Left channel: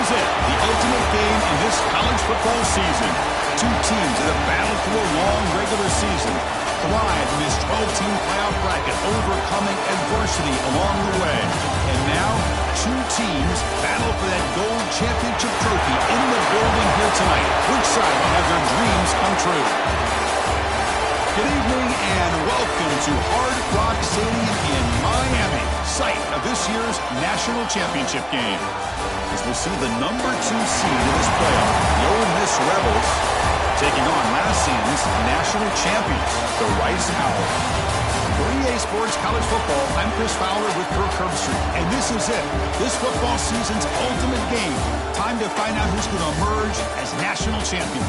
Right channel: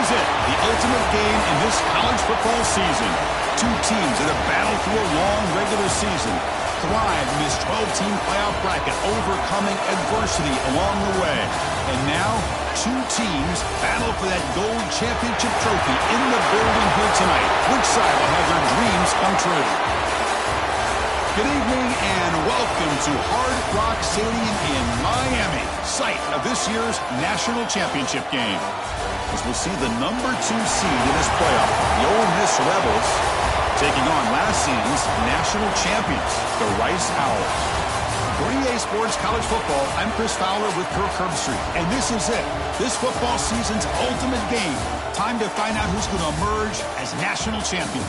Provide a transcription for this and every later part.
is it, the ultimate game in this college football season. Two teams that have battled through a long regular season, thrived in this 12-team playoff bracket, overcoming adversity along the way. And now, two teams battle for that gold championship trophy in the building here tonight. Which side will have their dreams come true? Good evening and welcome to Hard Rock Stadium in Miami, site of this year's national championship game. As we'll see the #2 seed in this playoff, the Ole Miss Rebels, taking on last season's national champions, the Rice Owls. For EA Sports College Football, I'm Chris Fowler with Kirk Herbstreit, and this is it, this football season's ultimate game. Time to find out who's going to emerge as national champion.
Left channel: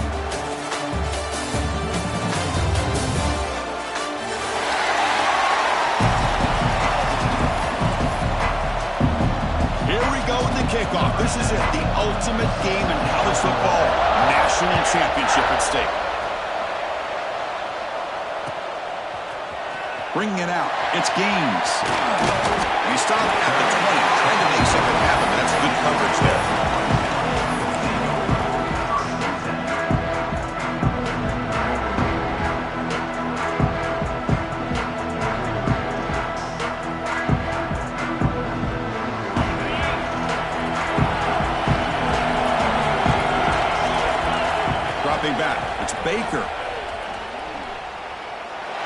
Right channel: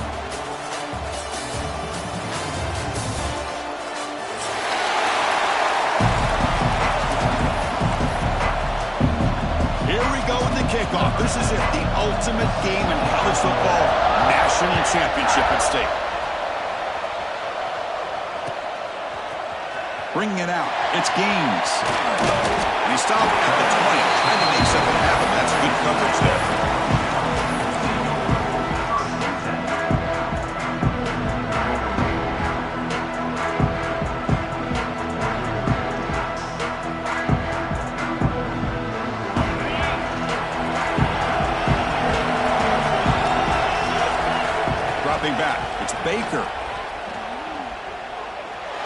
Here we go with the kickoff. This is it, the ultimate game in college football, national championship at stake. Bringing it out, it's Gaines. And he stopped at the 20, trying to make something happen, but that's good coverage there. Back. It's Baker.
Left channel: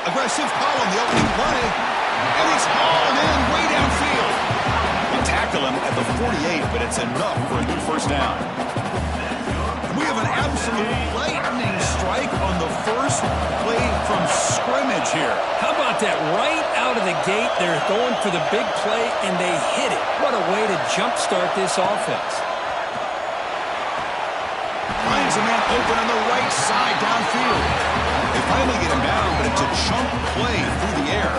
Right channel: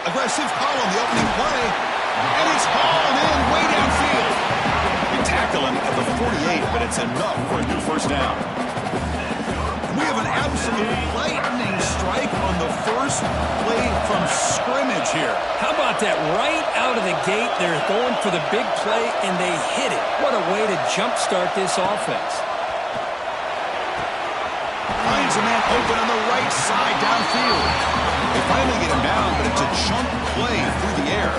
Aggressive call on the opening play. And he's hauled in way downfield. You tackle him at the 48, but it's enough for a new first down. We have an absolute lightning strike on the first play from scrimmage here. How about that? Right out of the gate, they're going for the big play, and they hit it. What a way to jumpstart this offense. Finds a man open on the right side downfield. They finally get him down, but it's a chunk play through the air.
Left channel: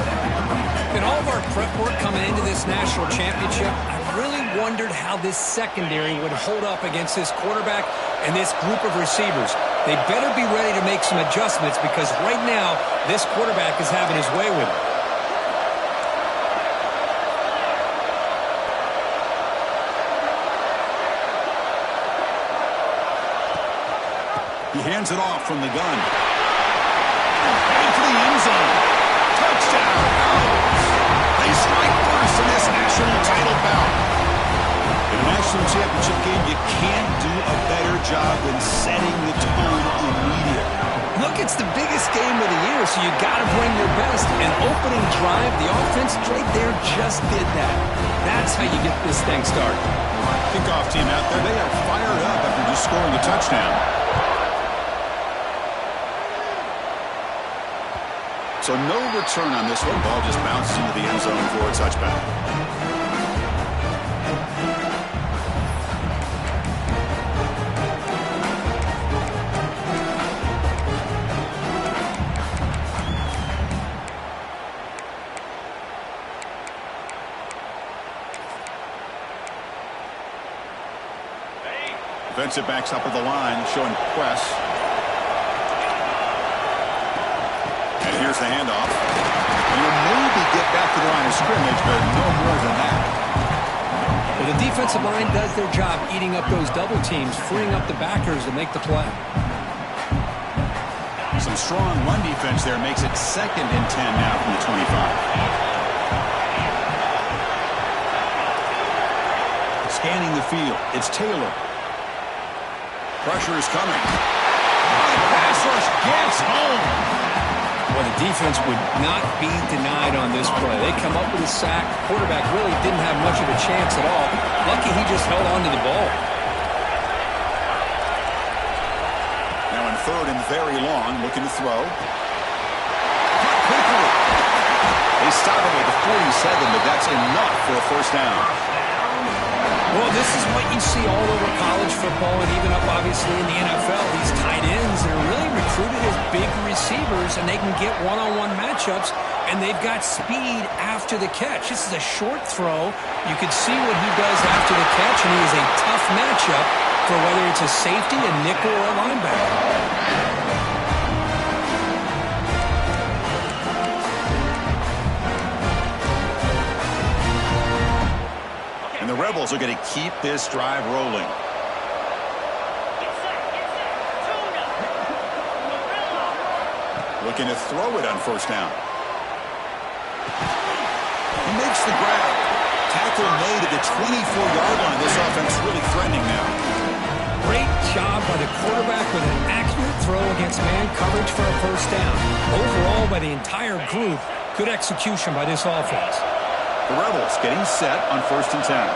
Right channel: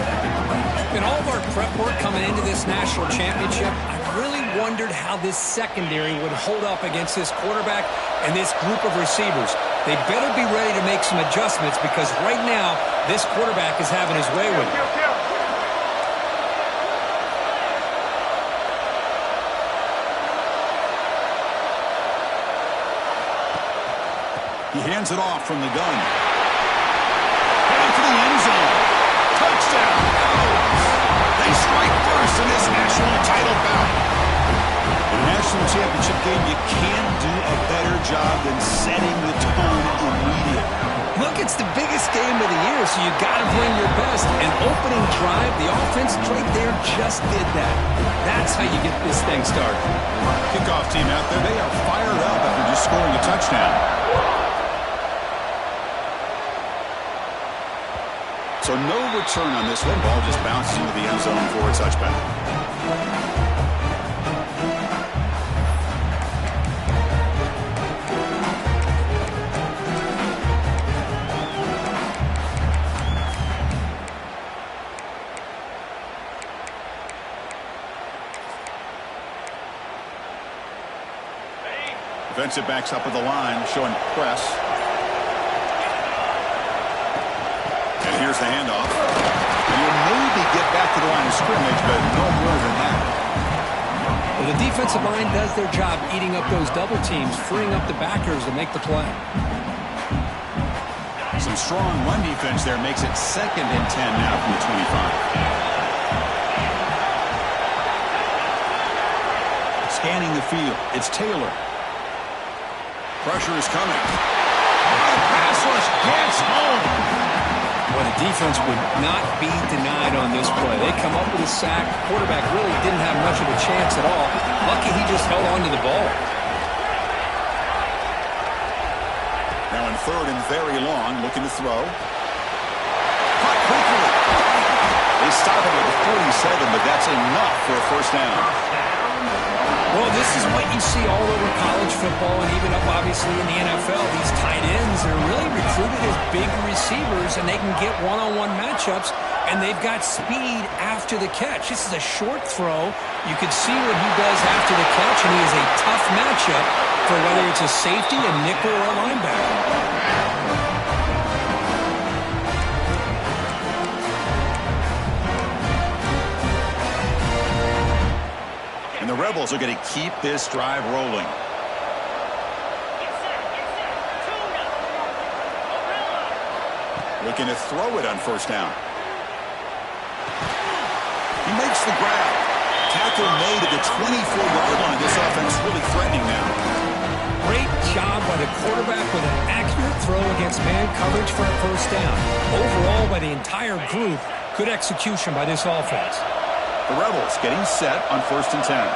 In all of our prep work coming into this national championship, I really wondered how this secondary would hold up against this quarterback and this group of receivers. They better be ready to make some adjustments because right now, this quarterback is having his way with it. He hands it off from the gun. Heading for the end zone. Touchdown, Owls. They strike first in this national title bout. In a national championship game, you can't do a better job than setting the tone immediately. Look, it's the biggest game of the year, so you got to bring your best. An opening drive, the offense right there just did that. That's how you get this thing started. Kickoff team out there, they are fired up after just scoring a touchdown. So no return on this one. Ball just bounces into the end zone for a touchback. Defensive backs up at the line, showing press. And here's the handoff. And he'll maybe get back to the line of scrimmage, but no more than that. Well, the defensive line does their job eating up those double teams, freeing up the backers to make the play. Some strong run defense there makes it 2nd and 10 now from the 25. Scanning the field, it's Taylor. Pressure is coming. Oh, the pass rush gets home. Well, the defense would not be denied on this play. They come up with a sack. Quarterback really didn't have much of a chance at all. Lucky he just held on to the ball. Now in 3rd and very long, looking to throw. Caught quickly. They stop him at the 47, but that's enough for a first down. Well, this is what you see all over college football and even up, obviously, in the NFL. These tight ends are really recruited as big receivers, and they can get one-on-one matchups, and they've got speed after the catch. This is a short throw. You can see what he does after the catch, and he is a tough matchup for whether it's a safety, a nickel, or a linebacker. And the Rebels are going to keep this drive rolling. Looking to throw it on first down. He makes the grab. Tackle made at the 24-yard line. This offense really threatening now. Great job by the quarterback with an accurate throw against man coverage for a first down. Overall, by the entire group, good execution by this offense. The Rebels getting set on 1st and 10.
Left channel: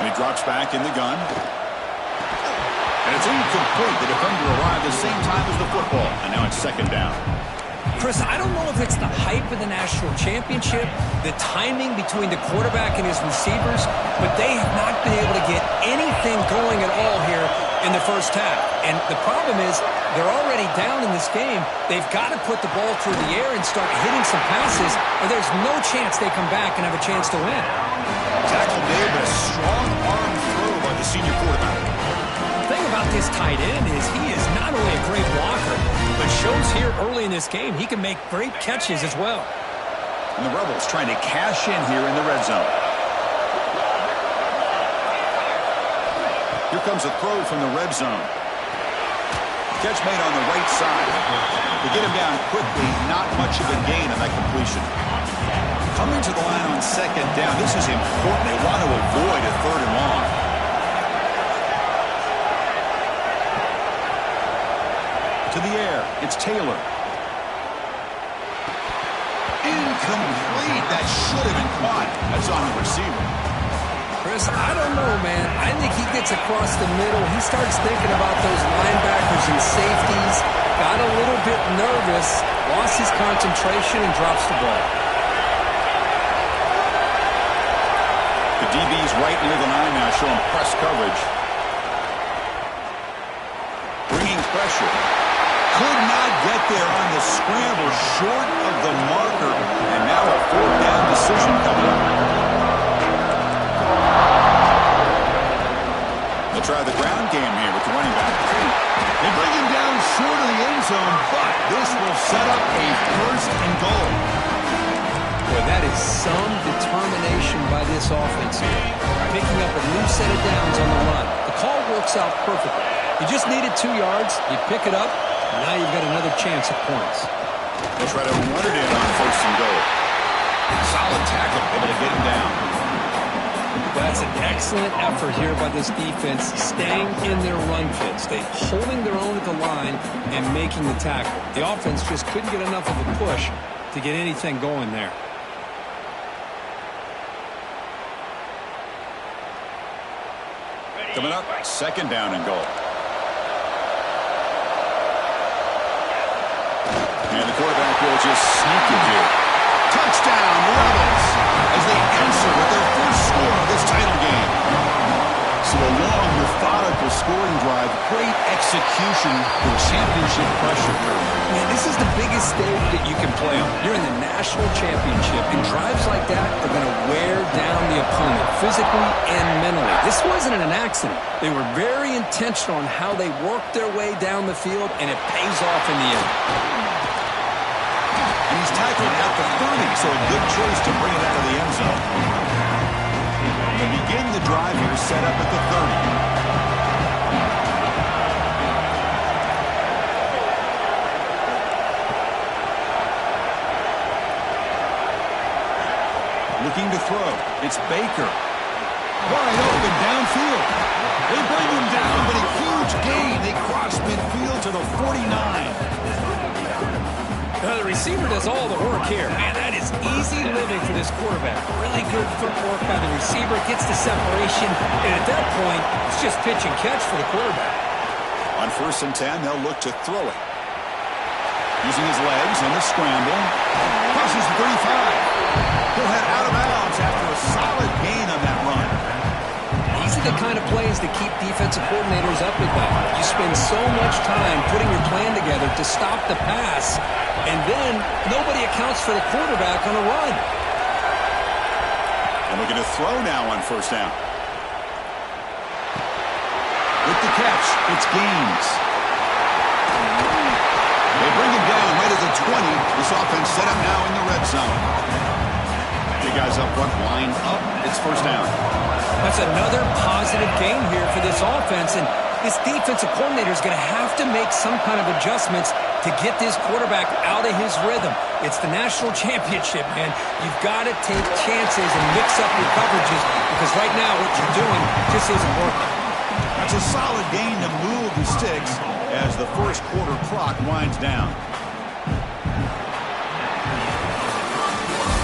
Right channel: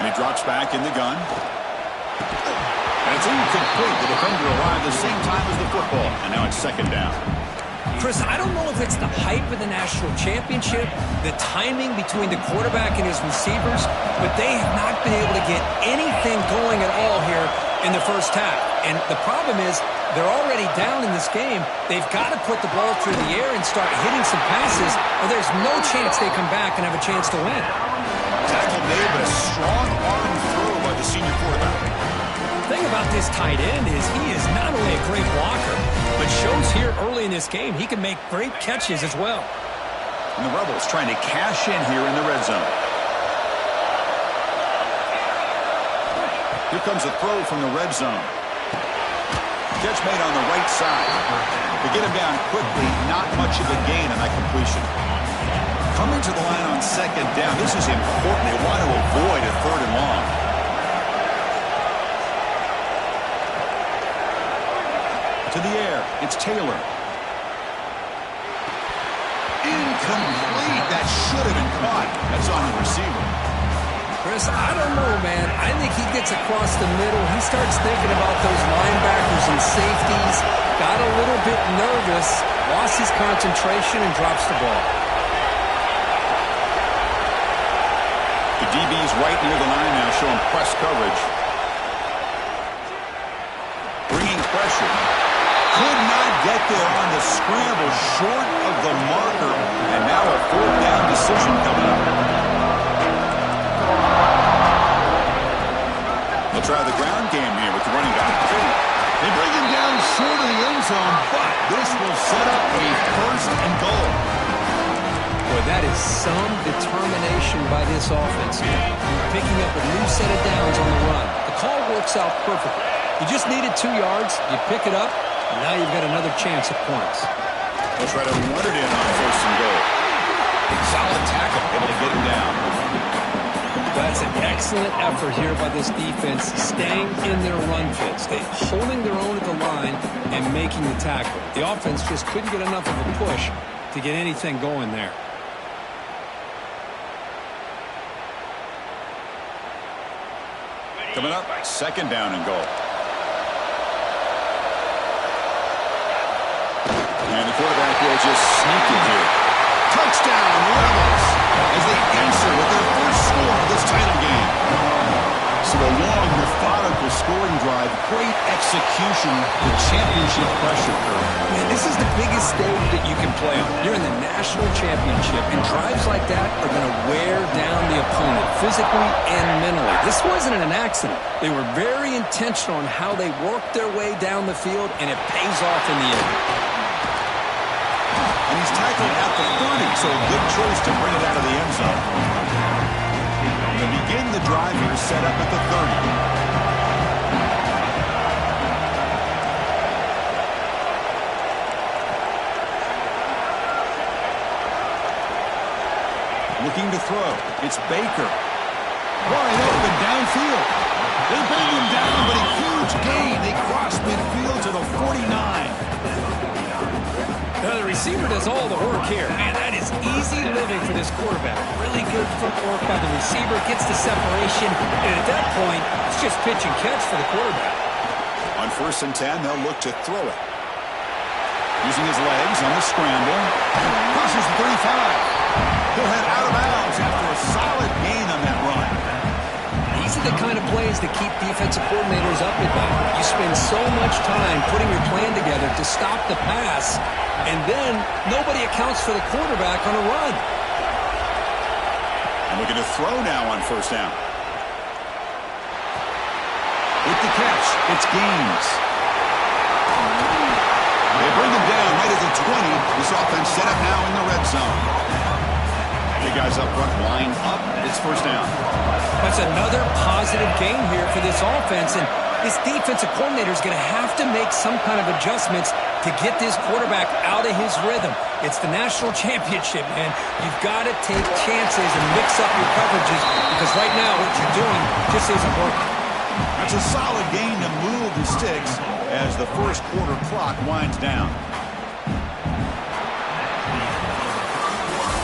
And he drops back in the gun. And it's incomplete. The defender arrived the same time as the football. And now it's 2nd down. Chris, I don't know if it's the hype of the national championship, the timing between the quarterback and his receivers, but they have not been able to get anything going at all here in the first half. And the problem is they're already down in this game. They've got to put the ball through the air and start hitting some passes, or there's no chance they come back and have a chance to win. Tackle made, but a strong arm throw by the senior quarterback. The thing about this tight end is he is not only a great blocker, but shows here early in this game he can make great catches as well. And the Rebels trying to cash in here in the red zone. Here comes a throw from the red zone. Catch made on the right side. To get him down quickly, not much of a gain on that completion. Coming to the line on 2nd down. This is important. They want to avoid a 3rd and long. To the air. It's Taylor. Incomplete. That should have been caught. That's on the receiver. Chris, I don't know, man. I think he gets across the middle. He starts thinking about those linebackers and safeties. Got a little bit nervous. Lost his concentration and drops the ball. The DB's right near the line now, showing press coverage. Bringing pressure. Could not get there on the scramble, short of the marker, and now a 4th down decision coming up. They'll try the ground game here with the running back. They bring him down short of the end zone, but this will set up a 1st and goal. Boy, that is some determination by this offense here. Picking up a new set of downs on the run. The call works out perfectly. You just needed 2 yards. You pick it up. Now you've got another chance at points. They'll try to run it in on 1st and goal. Solid tackle, able to get him down. That's an excellent effort here by this defense, staying in their run fits. They holding their own at the line and making the tackle. The offense just couldn't get enough of a push to get anything going there. Coming up, 2nd down and goal. And the quarterback will just sneak it here. Touchdown, Rebels, as they answer with their first score of this title game. So a long, methodical scoring drive, great execution with championship pressure. Man, this is the biggest stage that you can play on. You're in the national championship, and drives like that are going to wear down the opponent physically and mentally. This wasn't an accident. They were very intentional on how they worked their way down the field, and it pays off in the end. And he's tackled at the 30, so a good choice to bring it out of the end zone. To begin the drive here, set up at the 30. Looking to throw. It's Baker. Wide open downfield. They bring him down, but a huge gain. They cross midfield to the 49. The receiver does all the work here. Man, that is easy living for this quarterback. Really good footwork by the receiver. Gets the separation. And at that point, it's just pitch and catch for the quarterback. On 1st and 10, they'll look to throw it. Using his legs on the scramble. Crosses the 35. He'll head out of bounds after a solid gain on that run. These are the kind of plays that keep defensive coordinators up at night. You spend so much time putting your plan together to stop the pass, and then nobody accounts for the quarterback on a run. And looking to throw now on 1st down. With the catch, it's Gaines. They bring him down right at the 20. This offense set up now in the red zone. The guys up front line up. It's 1st down. That's another positive gain here for this offense, and this defensive coordinator is going to have to make some kind of adjustments to get this quarterback out of his rhythm. It's the national championship, man. You've got to take chances and mix up your coverages because right now what you're doing just isn't working. That's a solid gain to move the sticks as the first quarter clock winds down.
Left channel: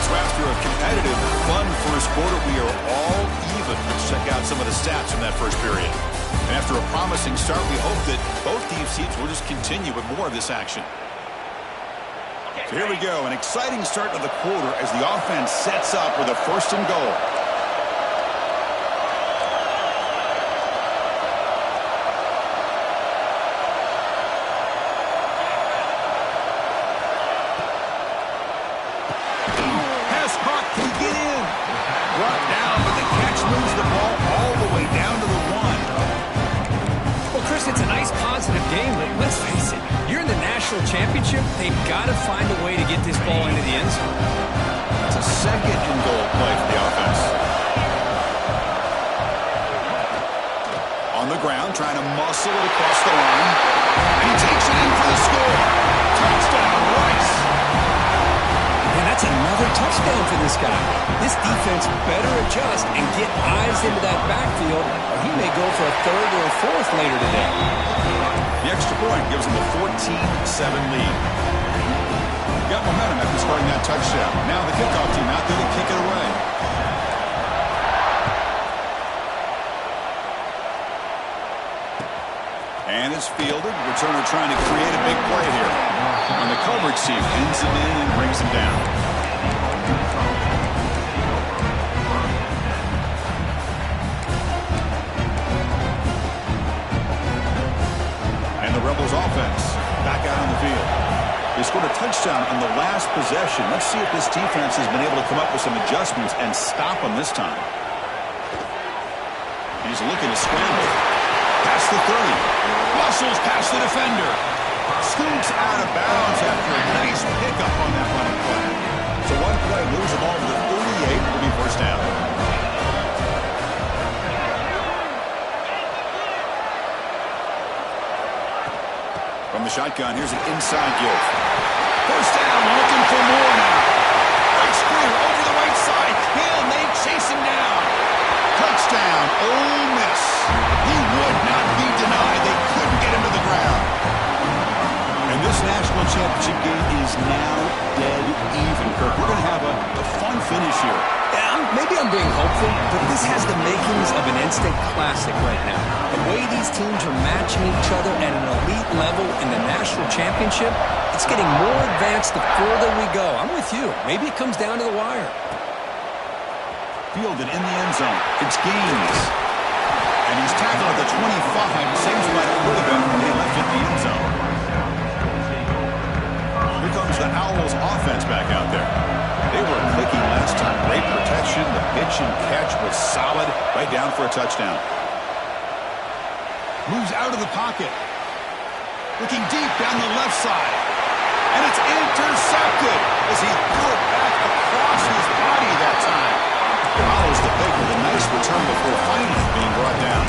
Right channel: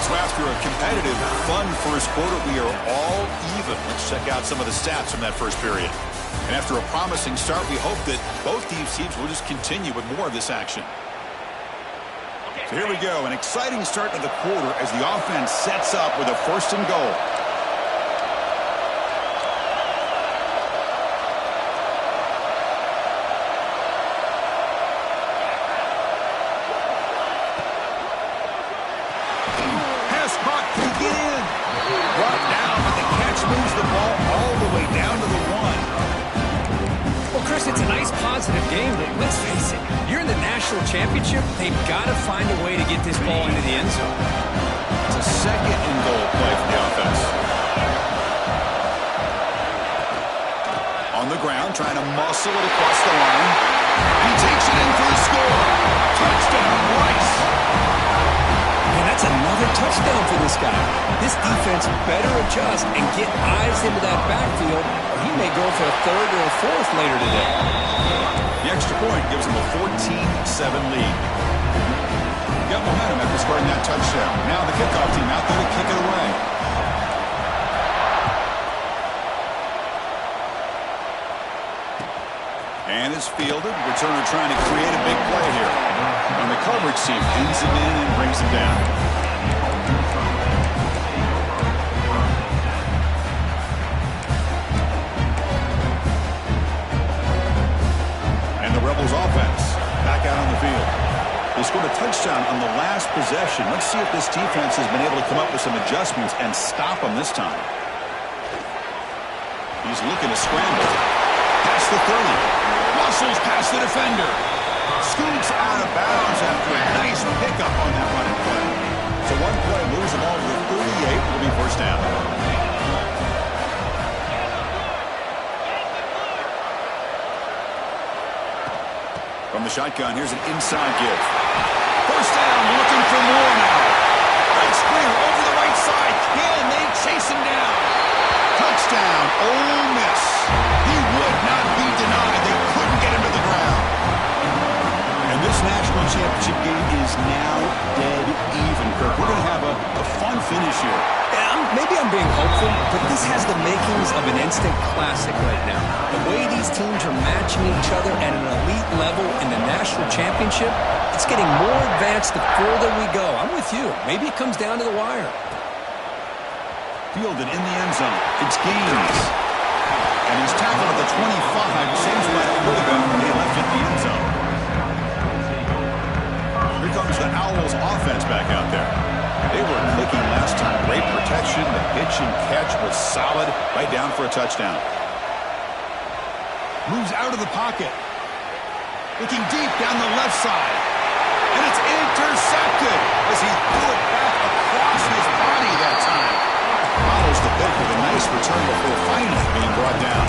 So after a competitive, fun first quarter, we are all even. Let's check out some of the stats from that first period. And after a promising start, we hope that both teams will just continue with more of this action. So here we go, an exciting start to the quarter as the offense sets up with a 1st and goal. Has caught, can he get in? Brought down, but the catch moves the ball all the way down to the 1. Well, Chris, it's a nice positive game, but let's face it, you're in the national championship. They've got to find a way to get this ball into the end zone. It's a 2nd and goal play for the offense. On the ground, trying to muscle it across the line. And he takes it in for the score. Touchdown, Rice. And that's another touchdown for this guy. This defense better adjust and get eyes into that backfield, or he may go for a 3rd or a 4th later today. The extra point gives them a 14-7 lead. Got momentum after scoring that touchdown. Now the kickoff team out there to kick it away. And it's fielded. Returner trying to create a big play here. And the coverage team pins him in and brings him down. And the Rebels offense back out on the field. They scored a touchdown on the last possession. Let's see if this defense has been able to come up with some adjustments and stop them this time. He's looking to scramble. Past the 30. Muscles past the defender. Scoots out of bounds after a nice pickup on that running play. So one play moves the ball to the 38. It'll be 1st down. From the shotgun, here's an inside give. 1st down, looking for more now. Breaks clear over the right side. Can they chase him down? Touchdown, Ole Miss. He would not be denied. They couldn't get him to the ground. And this national championship game is now dead even, Kirk. We're going to have a fun finish here. Yeah, maybe I'm being hopeful, but this has the makings of an instant classic right now. The way these teams are matching each other at an elite level in the national championship, it's getting more advanced the further we go. I'm with you. Maybe it comes down to the wire. Fielded in the end zone. It's Gaines. And he's tackled at the 25. Same spot it would have been when he left it in the end zone. Here comes the Owls offense back out there. They were clicking last time. Great protection. The pitch and catch was solid. Right down for a touchdown. Moves out of the pocket. Looking deep down the left side. And it's intercepted as he threw it back across his body that time. Follows the pick with a nice return before finally being brought down.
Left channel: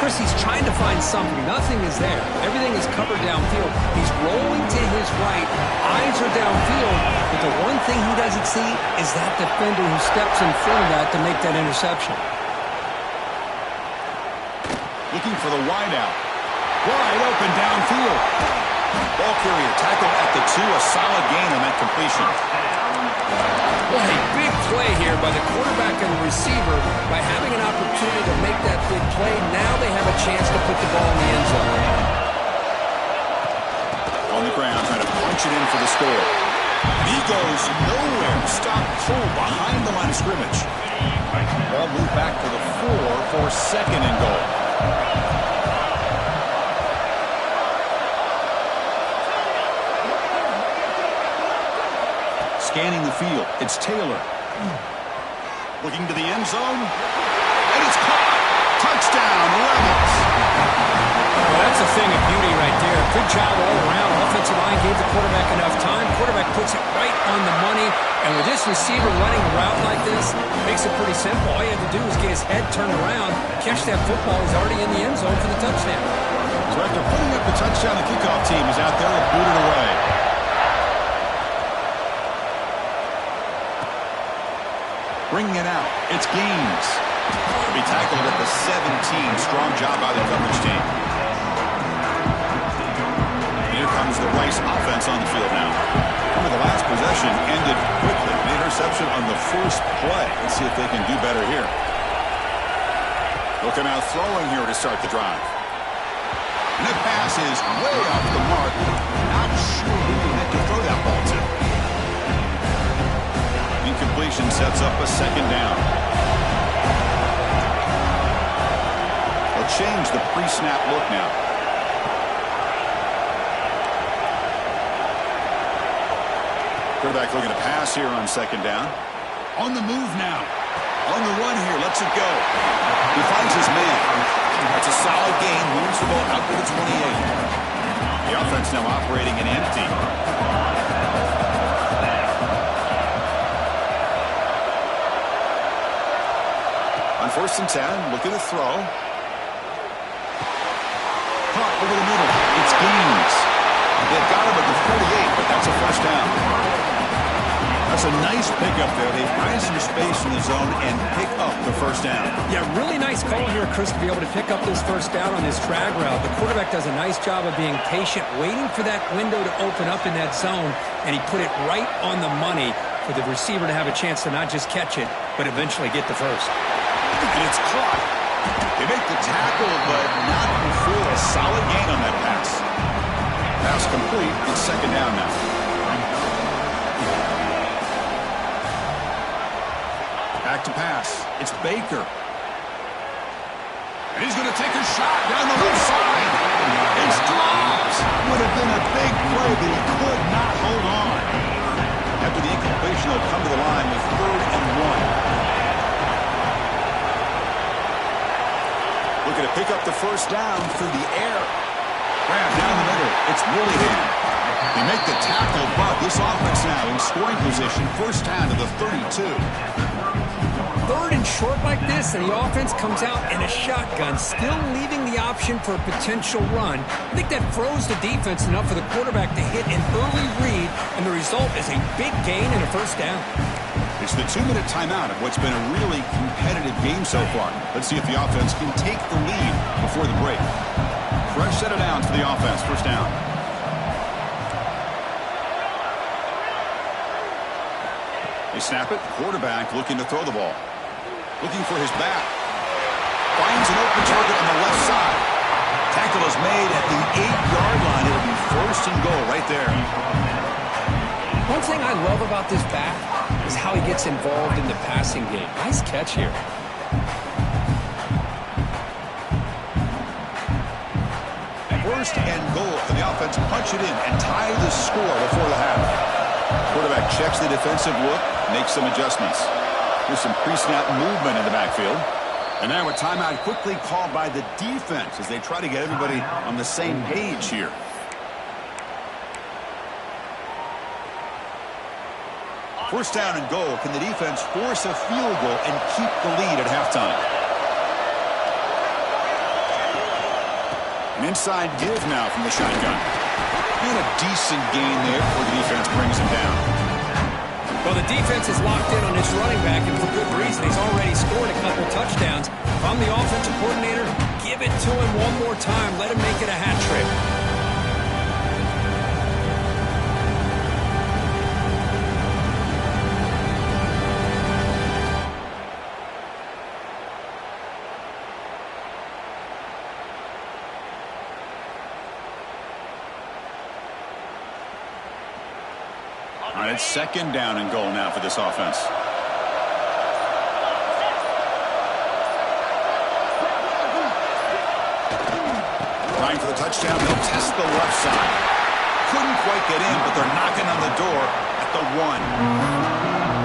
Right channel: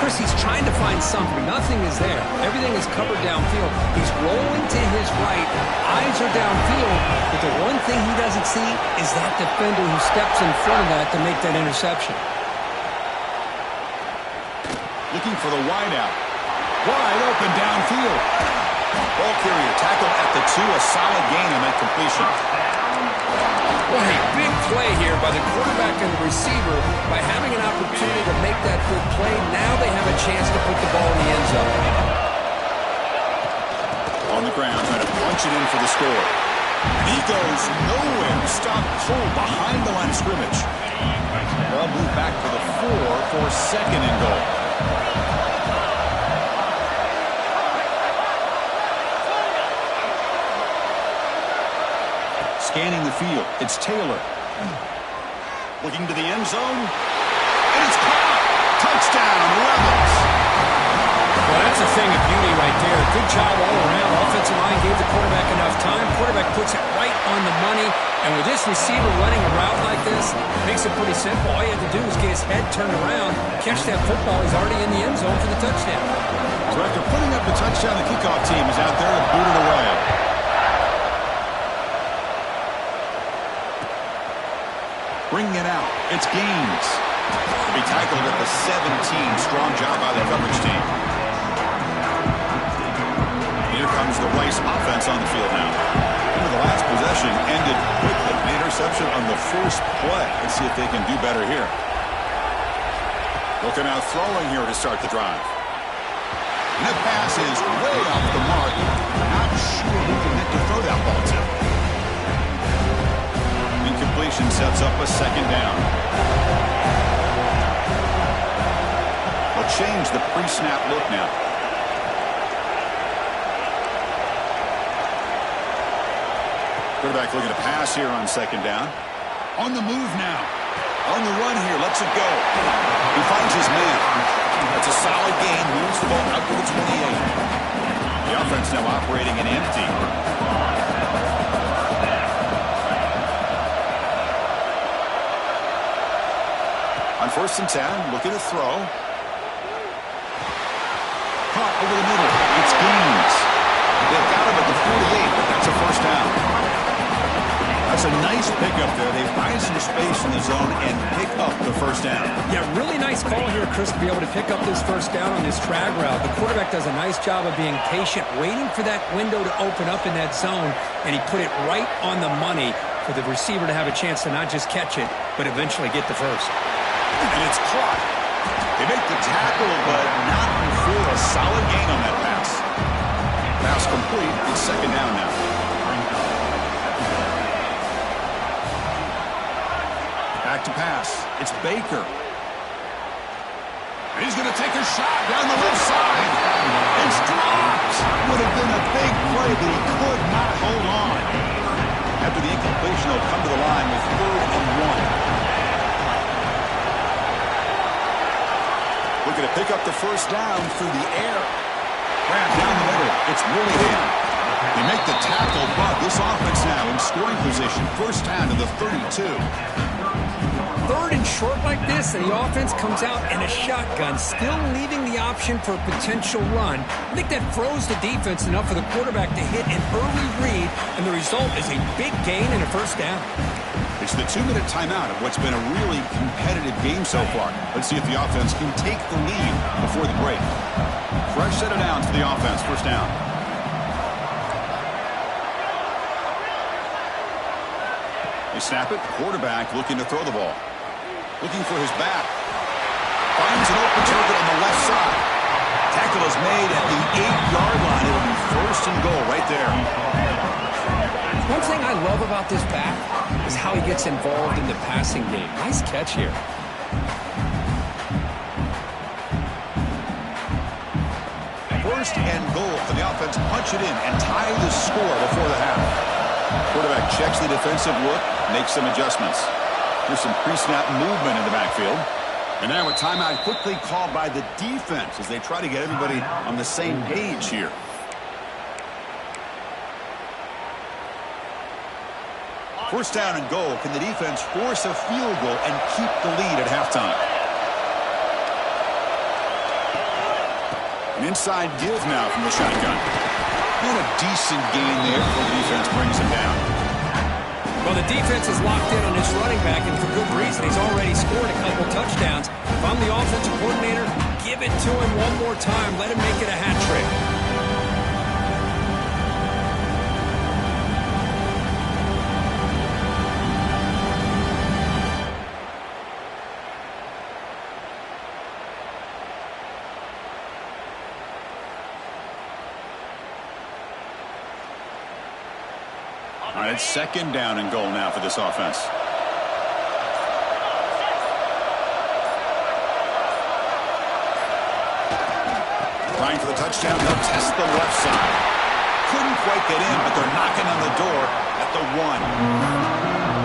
Chris, he's trying to find something. Nothing is there. Everything is covered downfield. He's rolling to his right. Eyes are downfield. But the one thing he doesn't see is that defender who steps in front of that to make that interception. Looking for the wideout. Wide open downfield. Ball carrier tackled at the 2. A solid gain on that completion. What a big play here by the quarterback and the receiver. By having an opportunity to make that big play, now they have a chance to put the ball in the end zone. On the ground, trying to punch it in for the score. And he goes nowhere. Stopped cold behind the line of scrimmage. Ball moved back to the 4 for 2nd and goal. Scanning the field. It's Taylor. Looking to the end zone. And it's caught. Touchdown, Rebels. Well, that's a thing of beauty right there. Good job all around. Offensive line gave the quarterback enough time. Quarterback puts it right on the money. And with this receiver running a route like this, makes it pretty simple. All you have to do is get his head turned around, catch that football. He's already in the end zone for the touchdown. So after putting up the touchdown, the kickoff team is out there to boot it away. Bringing it out. It's Gaines. To be tackled at the 17. Strong job by the coverage team. Here comes the Rice offense on the field now. Remember, the last possession ended quickly. An interception on the first play. Let's see if they can do better here. They'll come out throwing here to start the drive. And the pass is way off the mark. Not sure who he meant to throw that ball to. Incompletion sets up a second down. They'll change the pre-snap look now. Quarterback looking to pass here on second down. On the move now. On the run here. Lets it go. He finds his man. That's a solid gain. Moves the ball out to the 28. The offense now operating in empty. On 1st and 10, looking to throw. Caught over the middle. It's Gaines. They've got him at the 48, but that's a first down. That's a nice pickup there. They find some space in the zone and pick up the first down. Yeah, really nice call here, Chris, to be able to pick up this first down on this drag route. The quarterback does a nice job of being patient, waiting for that window to open up in that zone, and he put it right on the money for the receiver to have a chance to not just catch it, but eventually get the first. And it's caught. They make the tackle, but not before a solid gain on that pass. Pass complete. It's second down now. Back to pass. It's Baker. And he's going to take a shot down the left side. It's dropped. Would have been a big play, but he could not hold on. After the incompletion, he'll come to the line with 3rd and 1. Looking to pick up the first down through the air. Grab down the middle. It's Willingham. They make the tackle, but this offense now in scoring position. First down to the 32. 3rd and short like this, and the offense comes out in a shotgun, still leaving the option for a potential run. I think that froze the defense enough for the quarterback to hit an early read, and the result is a big gain and a first down. It's the 2-minute timeout of what's been a really competitive game so far. Let's see if the offense can take the lead before the break. Fresh set of downs for the offense. First down. They snap it. Quarterback looking to throw the ball. Looking for his back. Finds an open target on the left side. Tackle is made at the 8-yard line. It'll be 1st and goal right there. One thing I love about this back is how he gets involved in the passing game. Nice catch here. First and goal. Can the offense punch it in and tie the score before the half? Quarterback checks the defensive look, makes some adjustments. Here's some pre-snap movement in the backfield. And now a timeout quickly called by the defense as they try to get everybody on the same page here. First down and goal. Can the defense force a field goal and keep the lead at halftime? An inside give now from the shotgun. And a decent gain there before the defense brings him down. Well, the defense is locked in on this running back, and for good reason. He's already scored a couple touchdowns. If I'm the offensive coordinator, give it to him one more time. Let him make it a hat trick. All right, it's second down and goal now for this offense. Trying for the touchdown. They'll test the left side. Couldn't quite get in, but they're knocking on the door at the 1.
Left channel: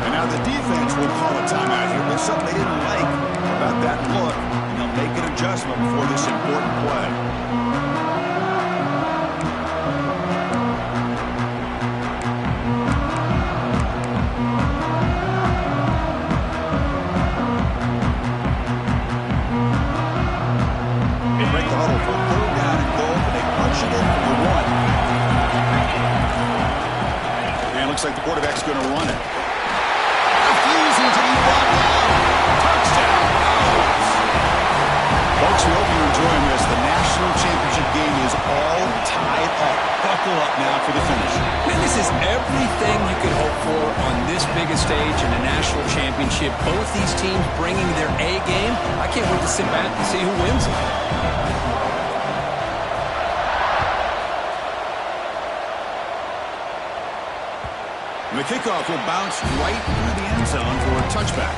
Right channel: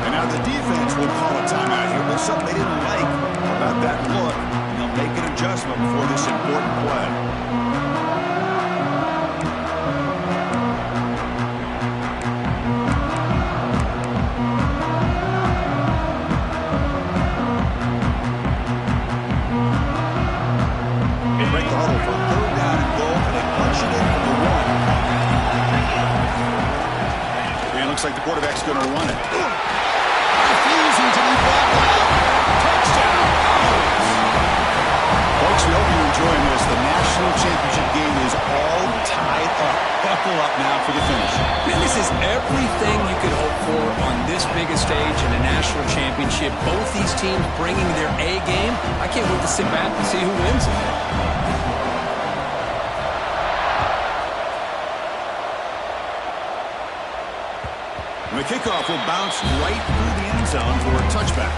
And now the defense will call a timeout here with something they didn't like about that look. And they'll make an adjustment before this important play. Looks like the quarterback's going to run it. Refusing to be brought down. Touchdown. Folks, we hope you're enjoying this. The national championship game is all tied up. Buckle up now for the finish. Man, this is everything you could hope for on this biggest stage in a national championship. Both these teams bringing their A game. I can't wait to sit back and see who wins it. The kickoff will bounce right through the end zone for a touchback.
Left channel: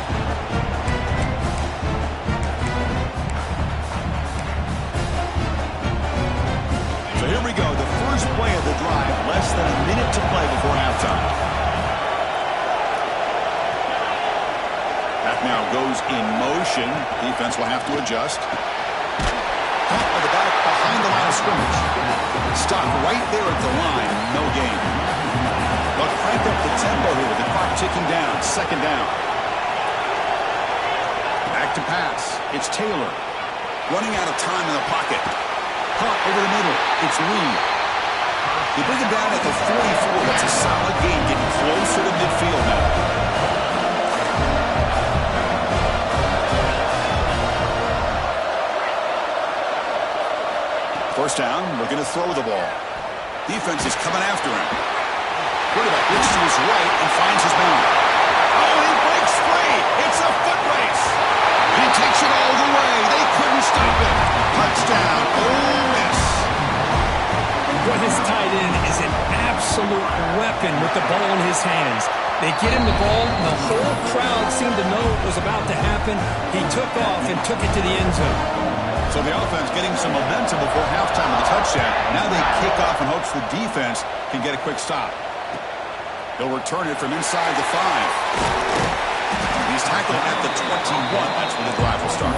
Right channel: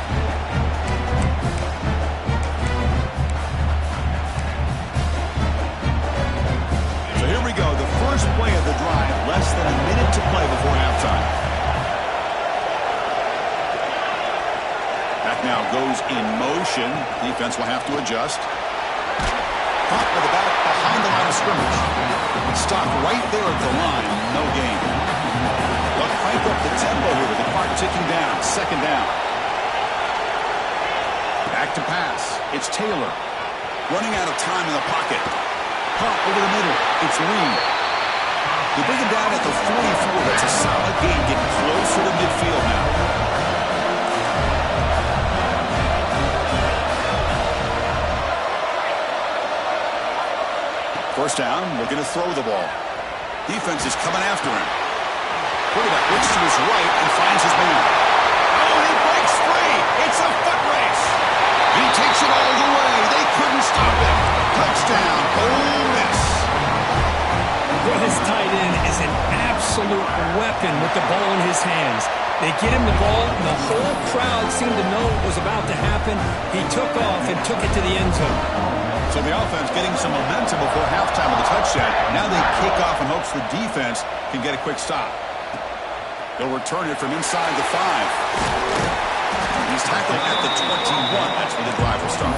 So here we go, the first play of the drive, less than a minute to play before halftime. Back now goes in motion. Defense will have to adjust. Caught by the back behind the line of scrimmage. Stopped right there at the line, no gain. They'll crank up the tempo here with the clock ticking down. Second down. Back to pass. It's Taylor. Running out of time in the pocket. Caught over the middle. It's Lee. They bring him down at the 44. That's a solid gain, getting closer to midfield now. First down, looking to throw the ball. Defense is coming after him. Quarterback looks to his right and finds his man. Oh, and he breaks free. It's a foot race. And he takes it all the way. They couldn't stop him. Touchdown, Ole Miss. Well, this tight end is an absolute weapon with the ball in his hands. They get him the ball, and the whole crowd seemed to know what was about to happen. He took off and took it to the end zone. So the offense getting some momentum before halftime with the touchdown. Now they kick off in hopes the defense can get a quick stop. He'll return it from inside the 5. He's tackled at the 21. That's when the drive will start.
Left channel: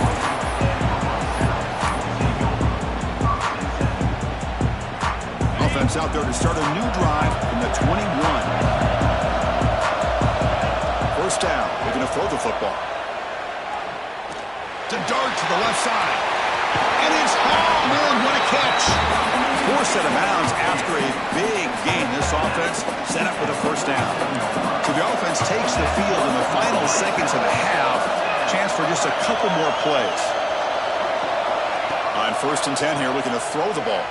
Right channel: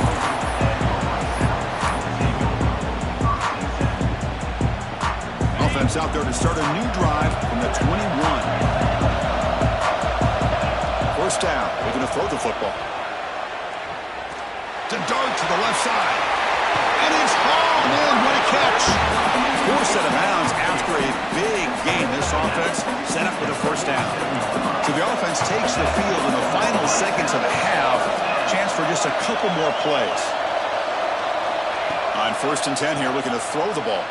Offense out there to start a new drive from the 21. First down. They're going to throw the football. To dart to the left side. And it's hauled in. What a catch. 4 set of bounds after a big gain. This offense set up with a first down. So the offense takes the field in the final seconds of the half. Chance for just a couple more plays. On 1st and 10 here, looking to throw the ball.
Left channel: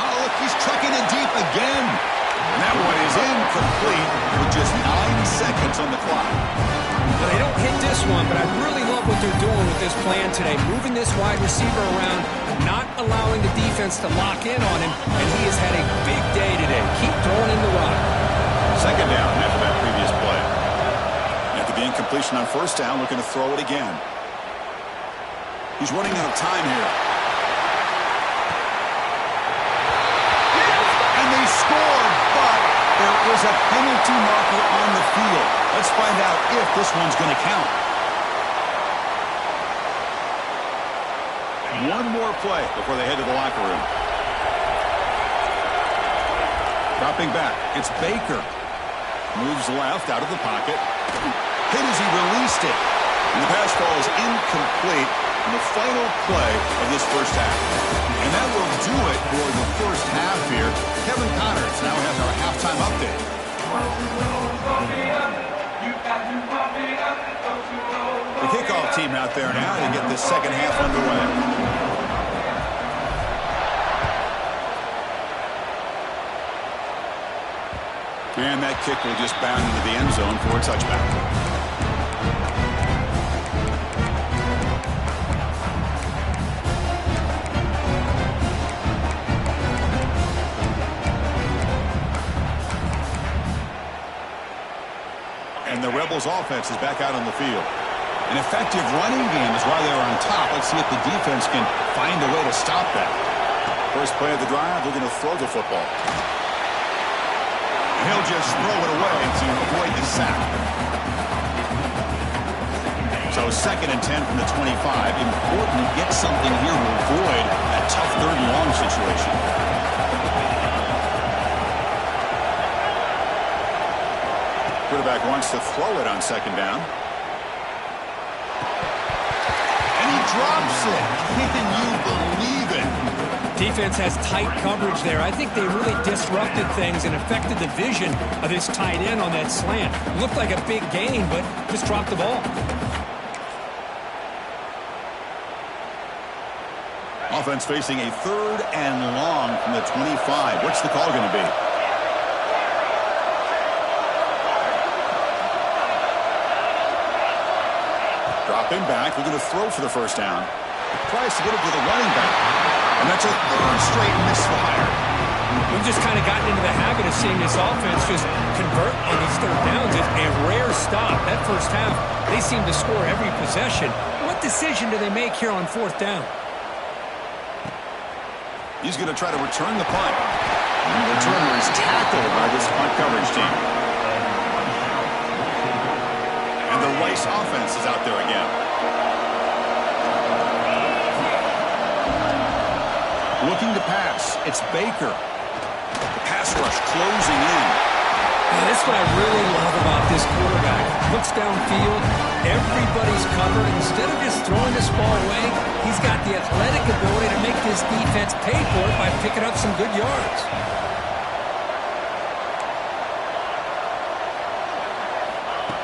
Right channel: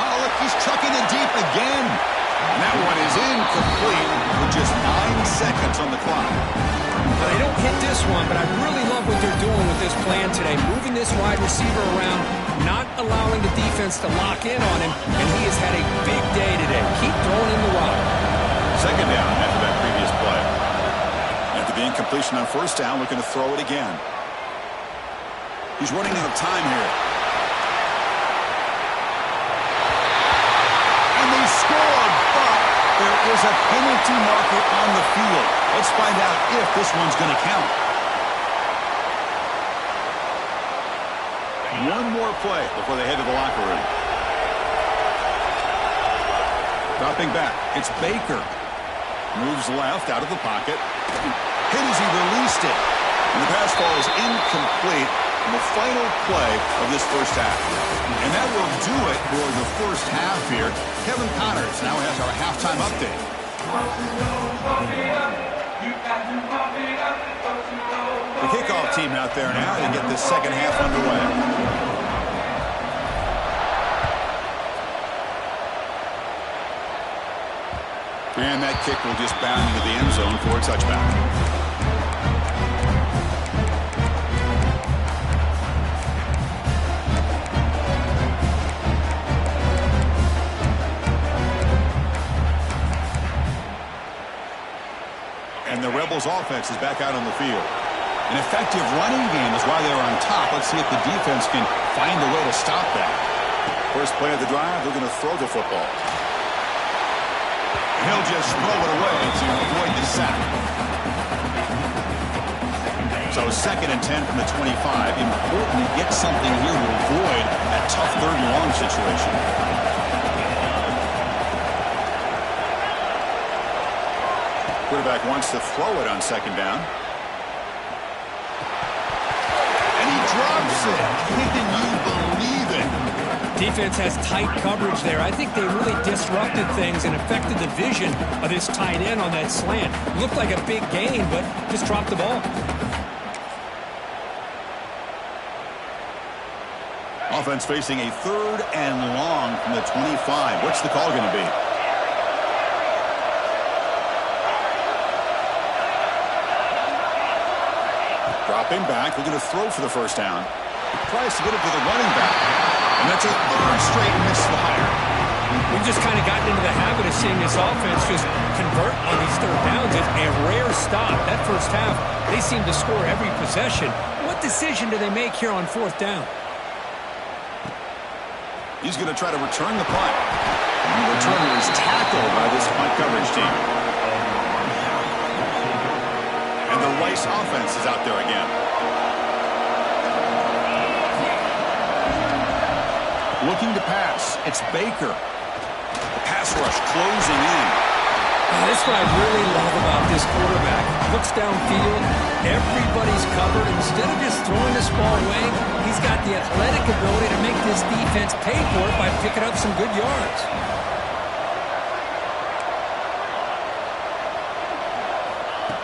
Oh, look, he's trucking it deep again. And that one is incomplete with just 9 seconds on the clock. Well, they don't hit this one, but I really love what they're doing with this plan today. Moving this wide receiver around, not allowing the defense to lock in on him, and he has had a big day today. Keep throwing in the rock. Second down after that previous play. After the incompletion on first down, looking to throw it again. He's running out of time here. And they scored, but there is a penalty marker on the field. Let's find out if this one's going to count. One more play before they head to the locker room. Dropping back, it's Baker. Moves left out of the pocket. Hit as he released it. And the pass falls incomplete in the final play of this first half. And that will do it for the first half here. Kevin Connors now has our halftime update. The kickoff team out there now to get this second half underway. And that kick will just bound into the end zone for a touchback. And the Rebels offense is back out on the field. An effective running game is why they're on top. Let's see if the defense can find a way to stop that. First play of the drive, they're going to throw the football. He'll just throw it away to avoid the sack. So 2nd and 10 from the 25. Important to get something here to avoid that tough 3rd and long situation. Quarterback wants to throw it on 2nd down. And And he drops it. Can you believe it? Defense has tight coverage there. I think they really disrupted things and affected the vision of this tight end on that slant. Looked like a big gain, but just dropped the ball. Offense facing a 3rd and long from the 25. What's the call going to be? Dropping back, looking to throw for the first down. Tries to get it to the running back. And that's a 3rd straight misfire. We've just kind of gotten into the habit of seeing this offense just convert on these 3rd downs. It's a rare stop. That first half, they seem to score every possession. What decision do they make here on 4th down? He's going to try to return the punt. And the returner is tackled by this punt coverage team. And the Rice offense is out there again. Looking to pass. It's Baker. The pass rush closing in. This is what I really love about this quarterback. Looks downfield. Everybody's covered. Instead of just throwing this ball away, he's got the athletic ability to make this defense pay for it by picking up some good yards.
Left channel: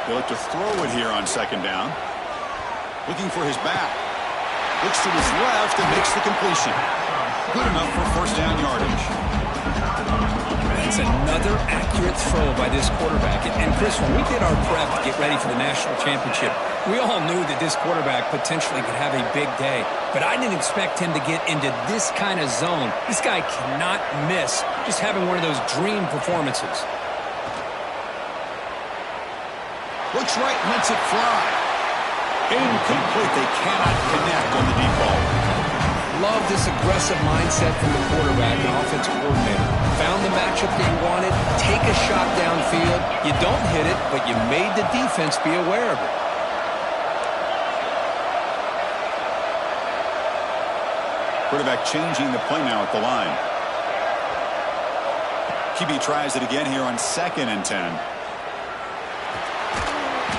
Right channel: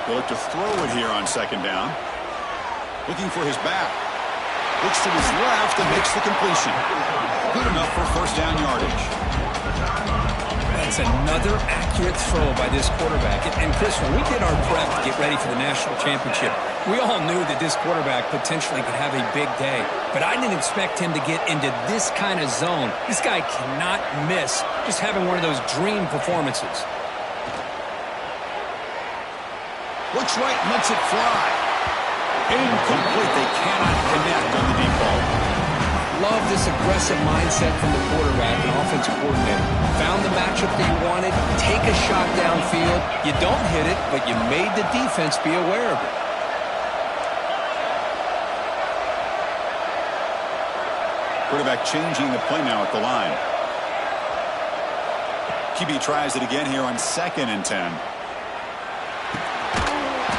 They'll look to throw it here on 2nd down. Looking for his back. Looks to his left and makes the completion. Good enough for 1st down yardage. That's another accurate throw by this quarterback. And Chris, when we did our prep to get ready for the national championship, we all knew that this quarterback potentially could have a big day. But I didn't expect him to get into this kind of zone. This guy cannot miss just having one of those dream performances. Looks right and lets it fly. Incomplete. They cannot connect on the deep ball. Love this aggressive mindset from the quarterback and offensive coordinator. Found the matchup that you wanted. Take a shot downfield. You don't hit it, but you made the defense be aware of it. Quarterback changing the play now at the line. QB tries it again here on 2nd and 10.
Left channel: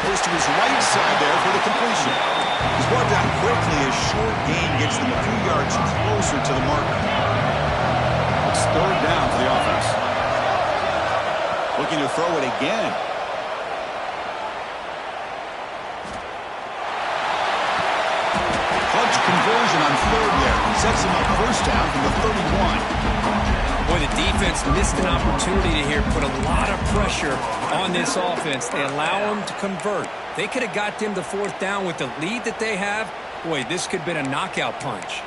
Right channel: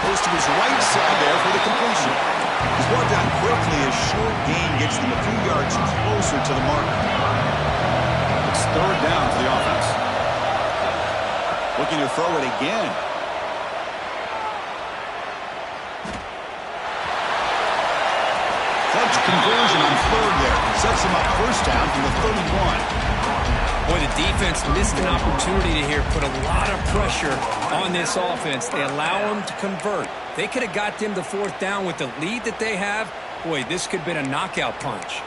Goes to his right side there for the completion. He's brought down quickly as short gain gets them a few yards closer to the marker. It's 3rd down for the offense. Looking to throw it again. Clutch conversion on 3rd there. Sets him up 1st down from the 31. Boy, the defense missed an opportunity to here put a lot of pressure on this offense. They allow them to convert. They could have got them to 4th down with the lead that they have. Boy, this could have been a knockout punch.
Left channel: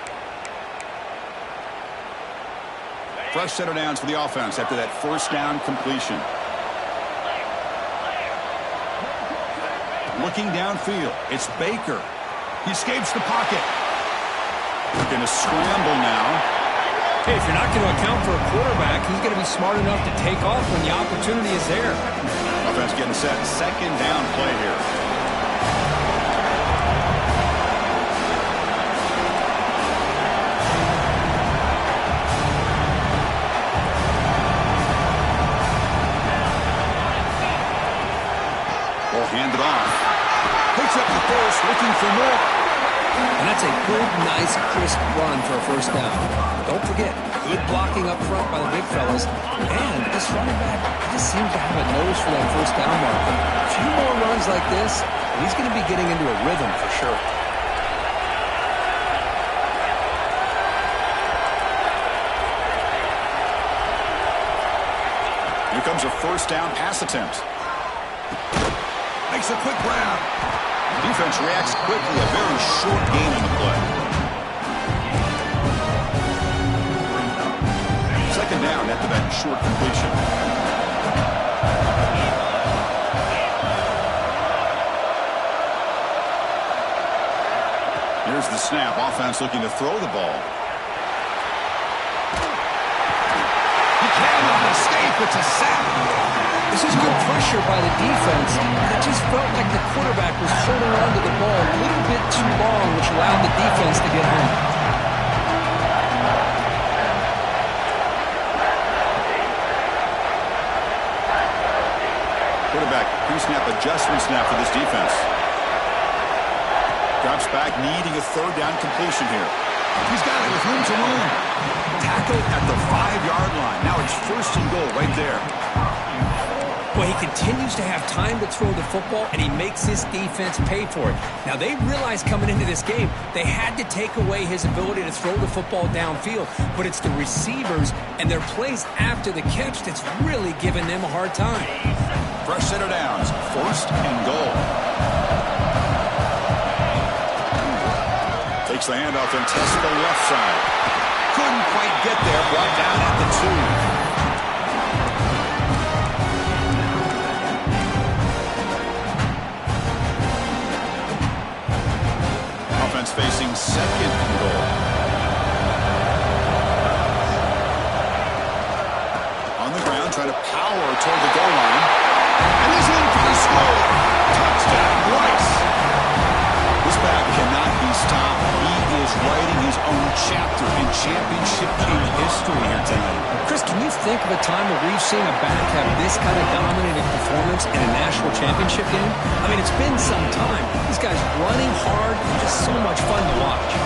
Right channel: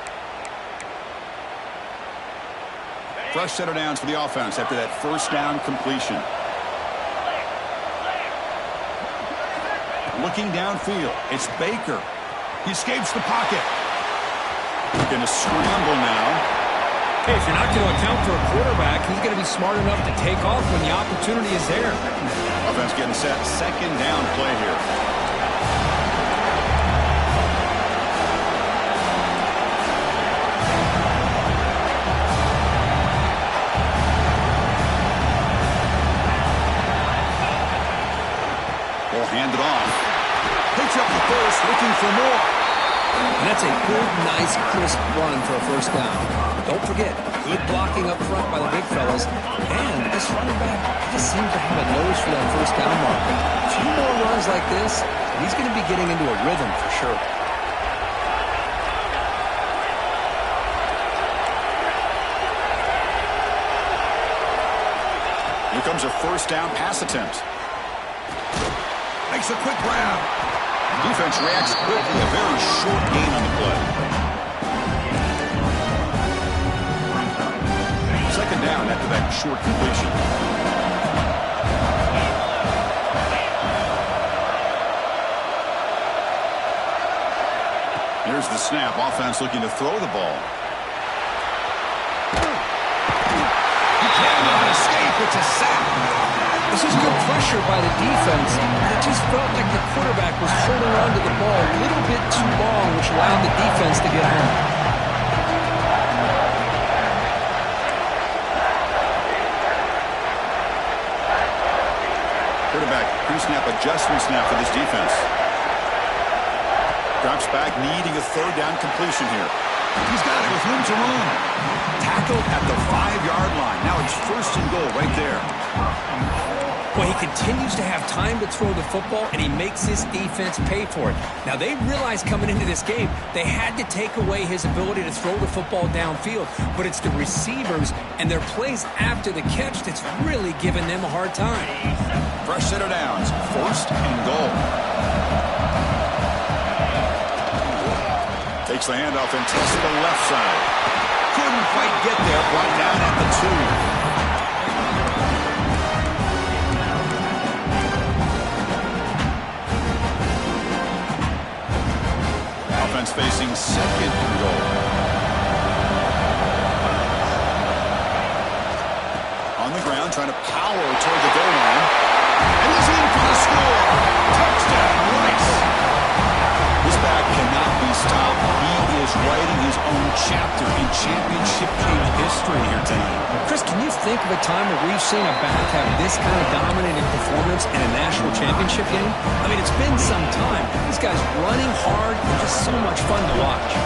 Fresh set of downs for the offense after that 1st down completion. Looking downfield, it's Baker. He escapes the pocket. Going to scramble now. Hey, if you're not going to account for a quarterback, he's going to be smart enough to take off when the opportunity is there. Offense getting set. 2nd down play here. Ball handed off. Picks up the first, looking for more. And that's a good, nice, crisp run for a 1st down. Don't forget, good blocking up front by the big fellas. And this running back just seems to have a nose for that 1st down marker. A few more runs like this, and he's going to be getting into a rhythm for sure. Here comes a 1st down pass attempt. Makes a quick grab. Defense reacts quickly. A very short gain on the play. 2nd down after that short completion. Here's the snap. Offense looking to throw the ball. He cannot escape. It's a sack. This is good pressure by the defense. It just felt like the quarterback was holding on to the ball a little bit too long, which allowed the defense to get home. Quarterback pre-snap adjustment snap for this defense. Drops back, needing a third down completion here. He's got it with room to roam. Tackled at the 5-yard line. Now it's 1st and goal right there. Well, he continues to have time to throw the football, and he makes his defense pay for it. Now, they realized coming into this game they had to take away his ability to throw the football downfield, but it's the receivers and their plays after the catch that's really giving them a hard time. Fresh set of downs, 1st and goal. Takes the handoff and tests the left side. Couldn't quite get there, brought down at the 2. Offense facing 2nd and goal. On the ground, trying to power toward the goal line. And he's in for the score. Touchdown, Rice. This back cannot be stopped. He is writing his own chapter in championship game history here tonight. Chris, can you think of a time where we've seen a back have this kind of dominating performance in a national championship game? I mean, it's been some time. This guy's running hard and just so much fun to watch.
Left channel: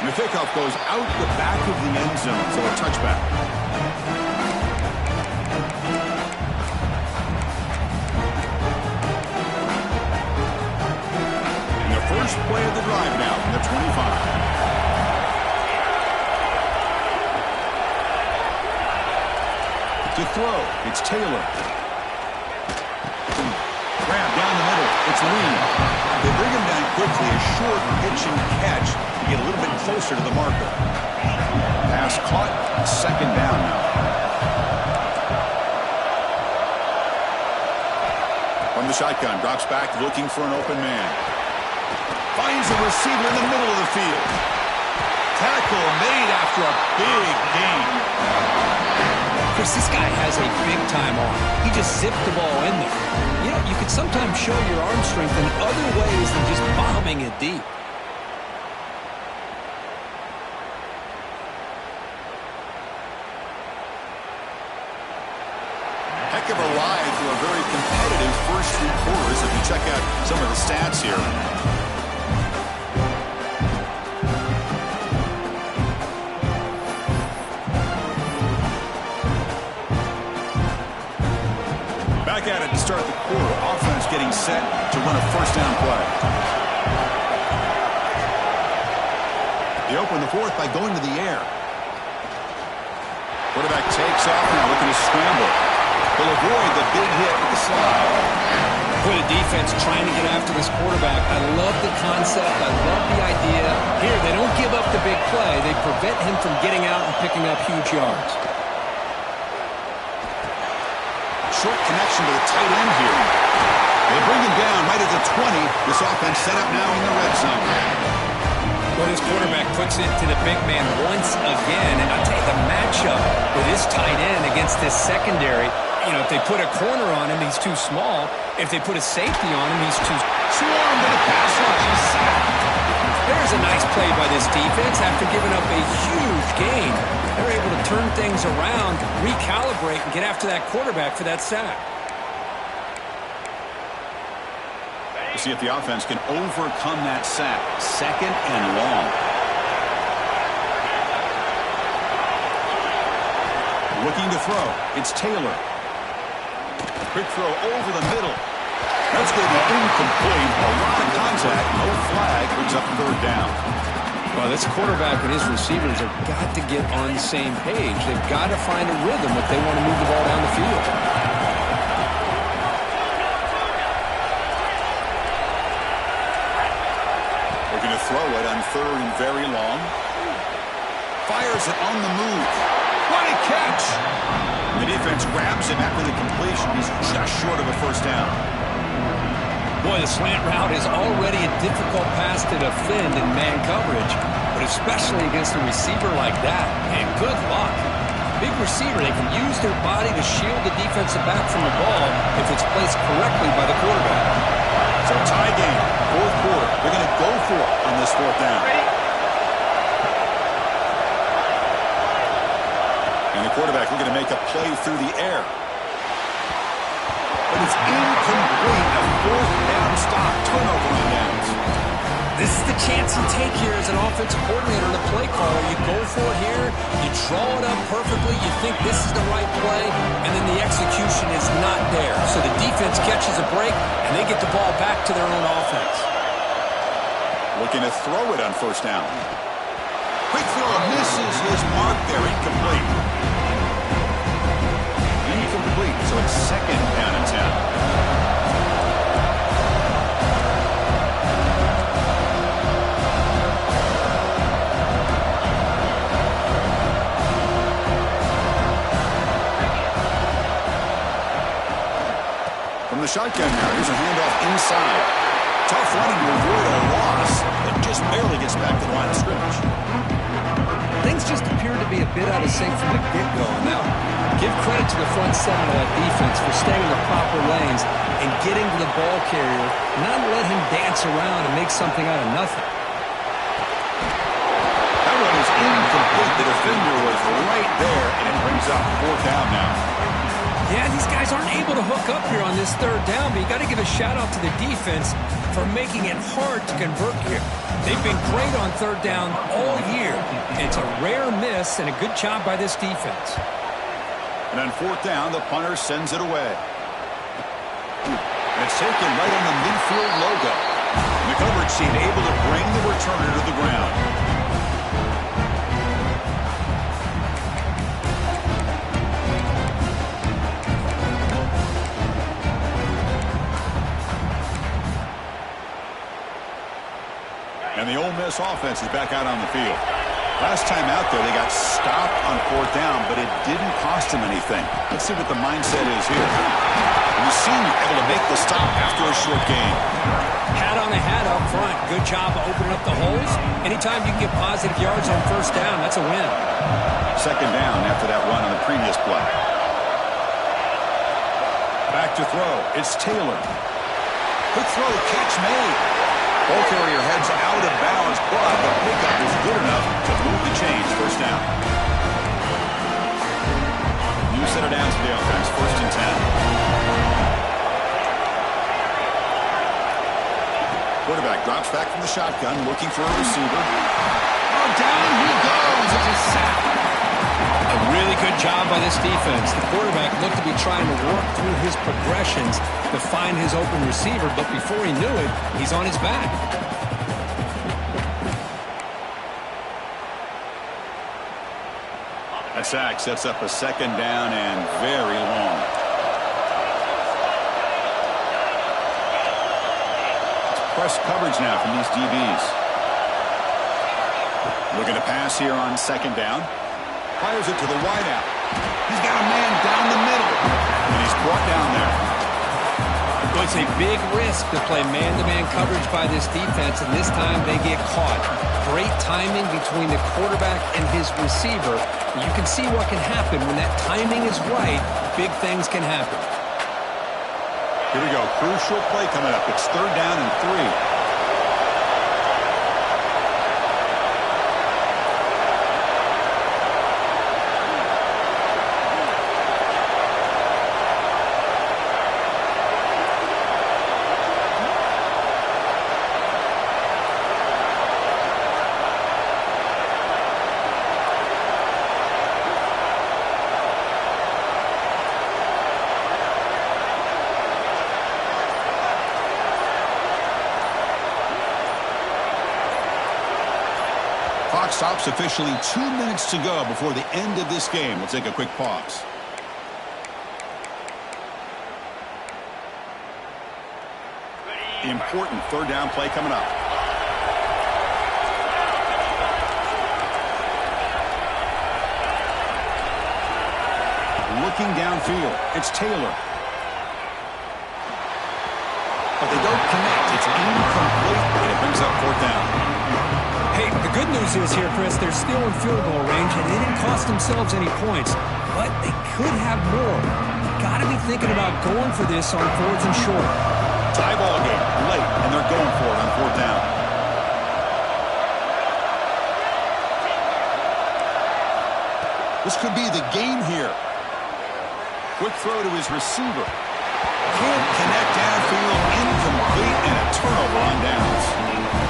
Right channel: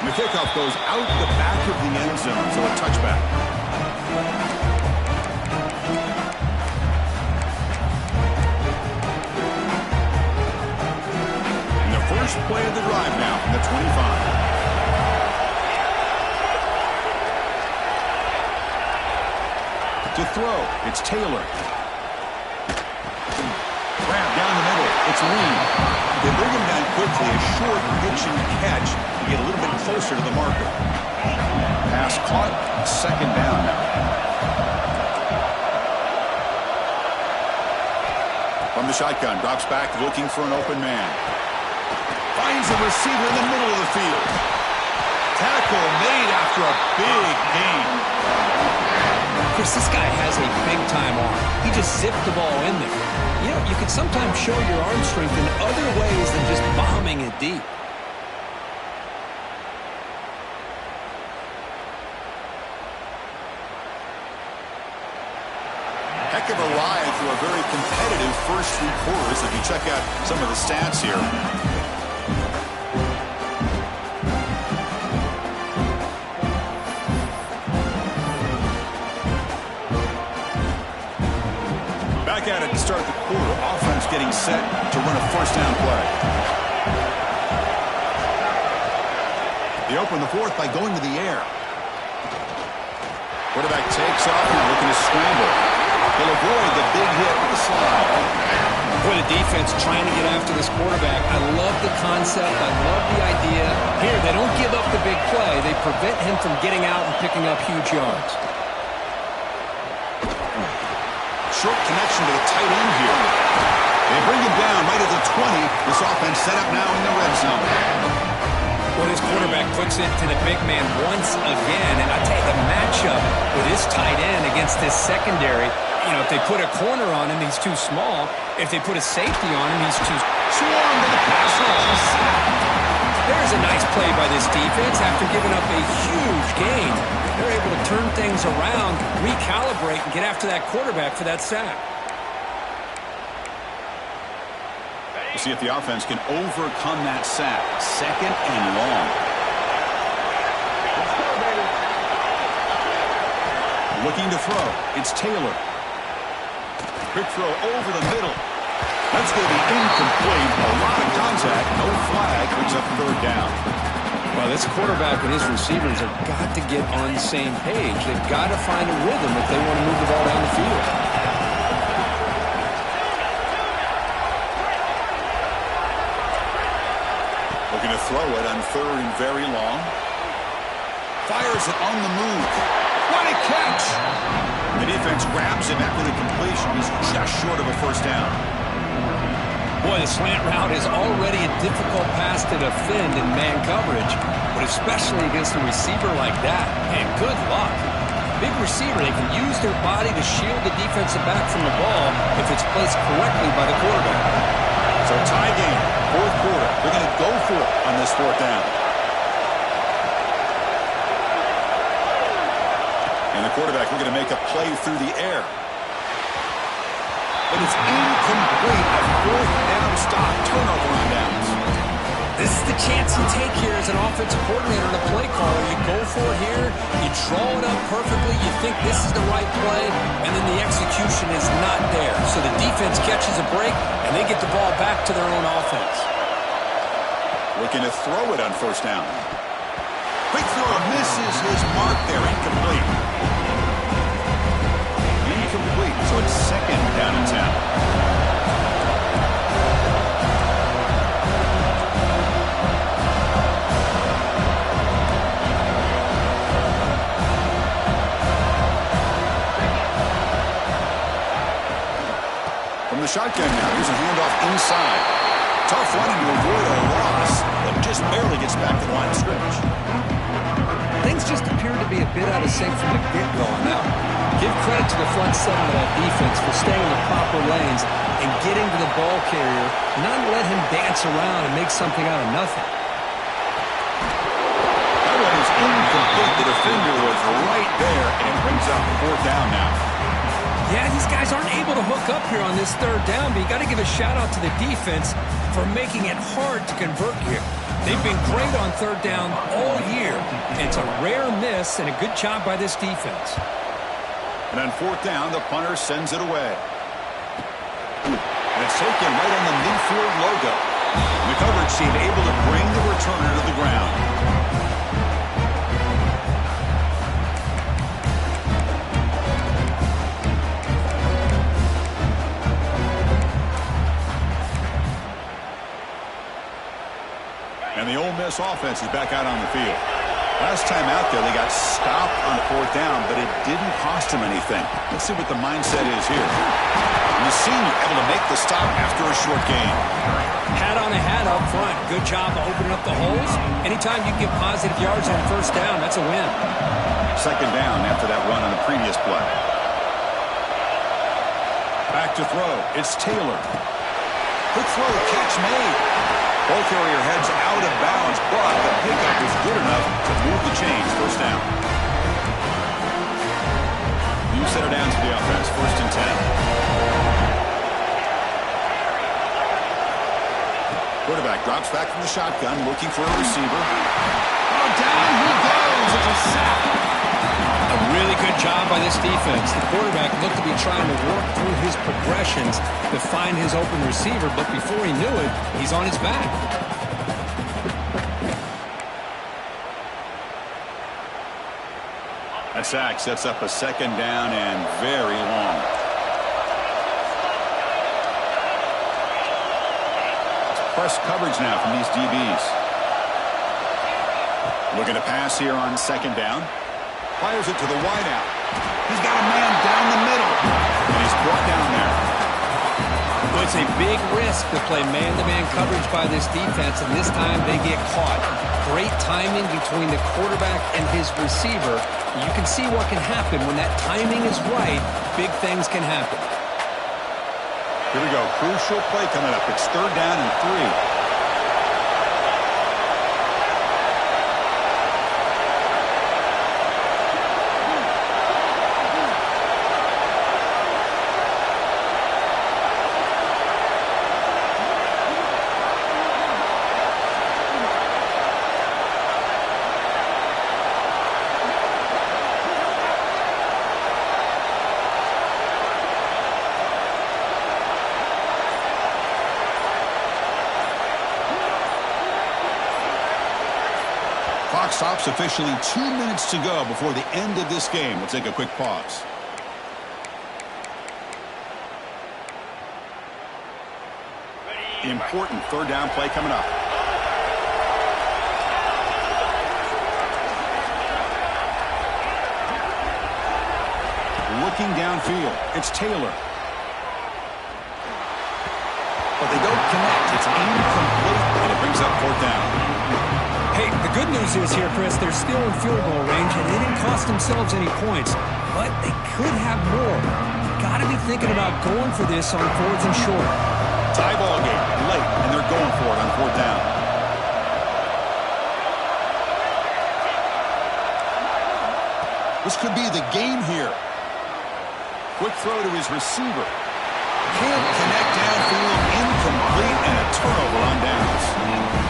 And the kickoff goes out the back of the end zone, so a touchback. First play of the drive now from the 25. To throw, it's Taylor. Grab down the middle, it's Lee. They bring him down quickly, a short pitch and catch to get a little bit closer to the marker. Pass caught, 2nd down now. From the shotgun, drops back looking for an open man. Finds a receiver in the middle of the field. Tackle made after a big gain. Chris, this guy has a big-time arm. He just zipped the ball in there. You know, you can sometimes show your arm strength in other ways than just bombing it deep. Heck of a ride through a very competitive first 3 quarters if you check out some of the stats here. Back at it to start the quarter. Offense getting set to run a 1st down play. They open the 4th by going to the air. Quarterback takes off now, looking to scramble. He'll avoid the big hit with the slide. Boy, the defense trying to get after this quarterback. I love the concept. I love the idea. Here, they don't give up the big play. They prevent him from getting out and picking up huge yards. Short connection to the tight end here. They bring him down right at the 20. This offense set up now in the red zone. Well, this quarterback puts it to the big man once again. And I'll tell you, the matchup with his tight end against this secondary, you know, if they put a corner on him, he's too small. If they put a safety on him, he's too swarmed to the pass rush. A sack. There's a nice play by this defense after giving up a huge gain. They're able to turn things around, recalibrate, and get after that quarterback for that sack. We'll see if the offense can overcome that sack. 2nd and long. Looking to throw. It's Taylor. Quick throw over the middle. That's going to be incomplete. A lot of contact. No flag. Brings up 3rd down. Well, this quarterback and his receivers have got to get on the same page. They've got to find a rhythm if they want to move the ball down the field. Looking to throw it on 3rd and very long. Fires it on the move. What a catch! The defense grabs him after the completion. He's just short of a 1st down. Boy, the slant route is already a difficult pass to defend in man coverage, but especially against a receiver like that. And good luck. Big receiver, they can use their body to shield the defensive back from the ball if it's placed correctly by the quarterback. So tie game, 4th quarter. They're going to go for it on this 4th down. And the quarterback looking to make a play through the air. but it's incomplete. A fourth down stop, turnover on downs. This is the chance you take here as an offensive coordinator and a play caller. You go for it here, you draw it up perfectly, you think this is the right play, and then the execution is not there. So the defense catches a break, and they get the ball back to their own offense. Looking to throw it on first down. Quick throw, misses his mark there, incomplete. Incomplete, so it's second down and 10. From the shotgun now, here's a handoff inside. Tough running to avoid a loss, but just barely gets back to the line of scrimmage. Things just appear to be a bit out of sync from the get-go on that one. Give credit to the front seven of that defense for staying in the proper lanes and getting to the ball carrier, not let him dance around and make something out of nothing. That one is incomplete. The defender was right there, and it brings up fourth down now. Yeah, these guys aren't able to hook up here on this third down, but you got to give a shout-out to the defense for making it hard to convert here. They've been great on third down all year. It's a rare miss and a good job by this defense. And on fourth down, the punter sends it away. And it's taken right on the midfield logo. And the coverage team able to bring the returner to the ground. And the Ole Miss offense is back out on the field. Last time out there, they got stopped on fourth down, but it didn't cost them anything. Let's see what the mindset is here. And the senior able to make the stop after a short gain. Hat on a hat up front. Good job of opening up the holes. Anytime you can get positive yards on first down, that's a win. Second down after that run on the previous play. Back to throw. It's Taylor. Quick throw, catch made. Ball carrier heads out of bounds, but the pickup is good enough to move the chains. First down. New set of downs for the offense. First and 10. Quarterback drops back from the shotgun, looking for a receiver. Oh, down he goes. It's a sack. A really good job by this defense. The quarterback looked to be trying to work through his progressions to find his open receiver, but before he knew it, he's on his back. That sack sets up a second down and very long. It's press coverage now from these DBs. Looking to pass here on second down. Fires it to the wideout. He's got a man down the middle. And he's brought down there. Well, it's a big risk to play man-to-man coverage by this defense, and this time they get caught. Great timing between the quarterback and his receiver. You can see what can happen when that timing is right. Big things can happen. Here we go. Crucial play coming up. It's third down and 3. Clock stops officially 2 minutes to go before the end of this game. We'll take a quick pause. The important third down play coming up. Looking downfield. It's Taylor. But they don't connect. It's incomplete, and it brings up fourth down. Hey, the good news is here, Chris, they're still in field goal range, and they didn't cost themselves any points, but they could have more. Got to be thinking about going for this on fourth and short. Tie ball game, late, and they're going for it on fourth down. This could be the game here. Quick throw to his receiver. Can't connect downfield, incomplete, and a turnover on downs.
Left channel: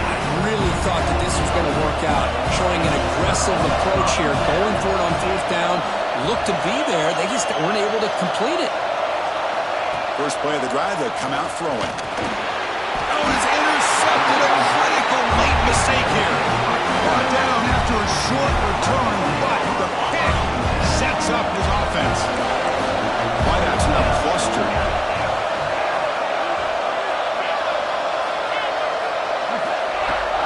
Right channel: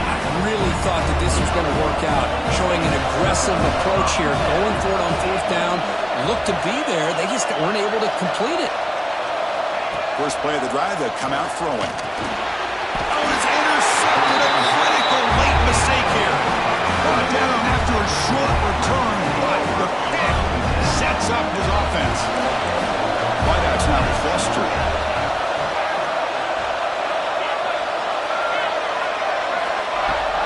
I really thought that this was going to work out, showing an aggressive approach here, going for it on fourth down. Looked to be there. They just weren't able to complete it. First play of the drive, they'll come out throwing. Oh, it's intercepted. A critical late mistake here. Brought down after a short return, but the pick sets up his offense. Wideout's now flustered.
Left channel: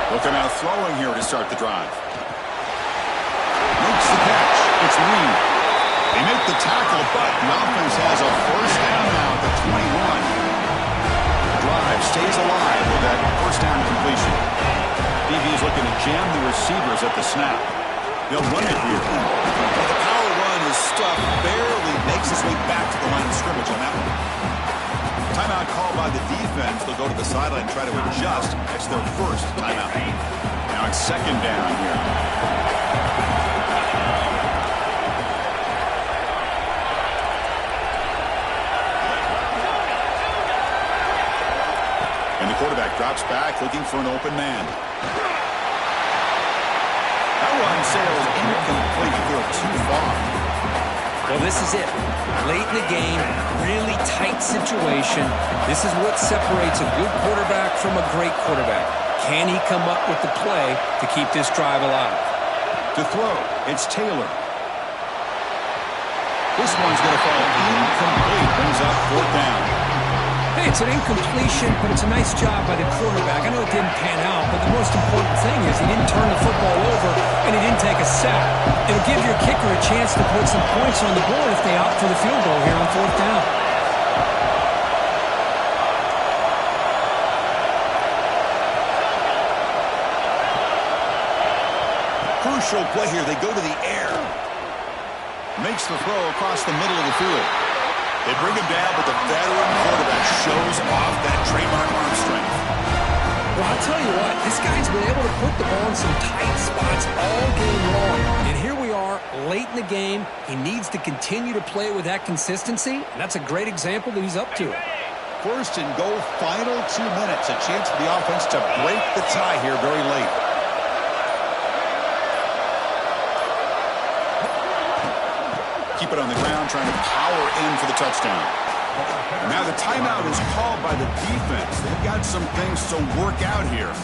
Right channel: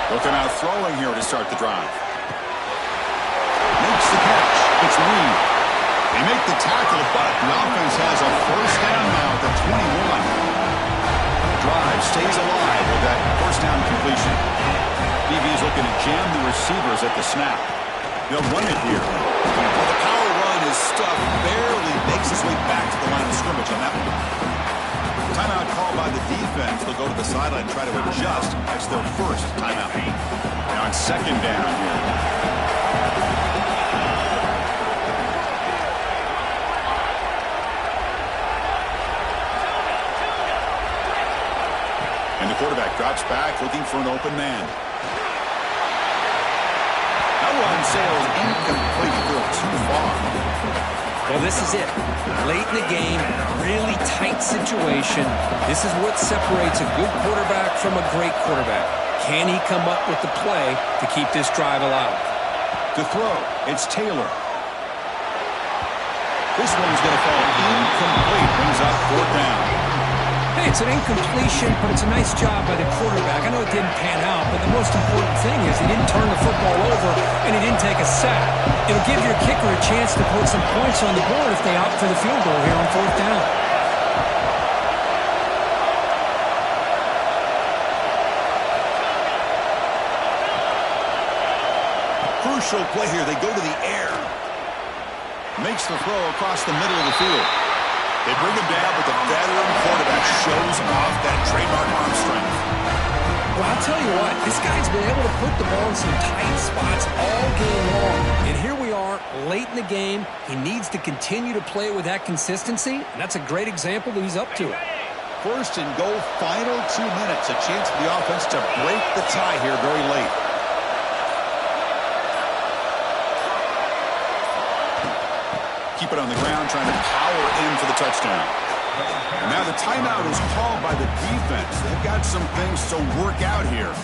They'll come out throwing here to start the drive. Makes the catch. It's Lee. They make the tackle, but the offense has a first down now at the 21. The drive stays alive with that first down completion. DB's looking to jam the receivers at the snap. They'll run it here. Well, the power run is stuffed, barely makes its way back to the line of scrimmage on that one. Timeout called by the defense. They'll go to the sideline and try to adjust. That's their first timeout. Now it's second down here. And the quarterback drops back, looking for an open man. That run sails incomplete. They're too far. Well, this is it. Late in the game, really tight situation. This is what separates a good quarterback from a great quarterback. Can he come up with the play to keep this drive alive? To throw, it's Taylor. This one's going to fall incomplete. Brings up fourth down. Hey, it's an incompletion, but it's a nice job by the quarterback. I know it didn't pan out, but the most important thing is he didn't turn the football over and he didn't take a sack. It'll give your kicker a chance to put some points on the board if they opt for the field goal here on fourth down. Crucial play here. They go to the air. Makes the throw across the middle of the field. They bring him down, but the veteran quarterback shows off that trademark arm strength. Well, I'll tell you what, this guy's been able to put the ball in some tight spots all game long. And here we are, late in the game. He needs to continue to play with that consistency, and that's a great example that he's up to it. First and goal, final 2 minutes. A chance for the offense to break the tie here very late. Keep it on the ground, trying to power in for the touchdown. And now the timeout is called by the defense. They've got some things to work out here.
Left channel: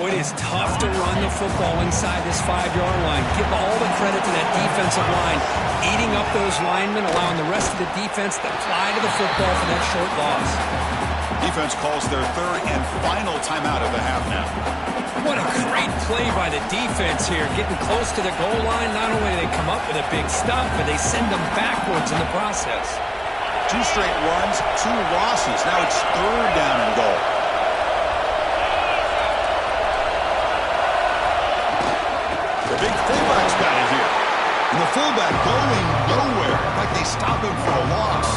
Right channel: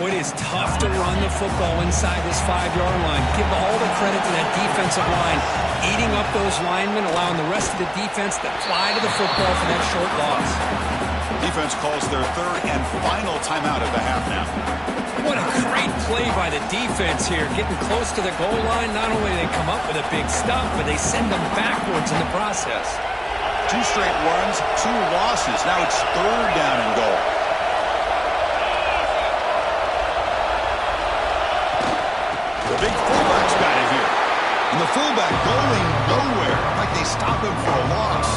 Boy, it is tough to run the football inside this 5-yard line. Give all the credit to that defensive line, eating up those linemen, allowing the rest of the defense to fly to the football for that short loss. Defense calls their third and final timeout of the half now. What a great play by the defense here. Getting close to the goal line, not only do they come up with a big stop, but they send them backwards in the process. 2 straight runs, 2 losses. Now it's third down and goal. The big fullback's got it here. And the fullback going nowhere. Like they stop him for a loss.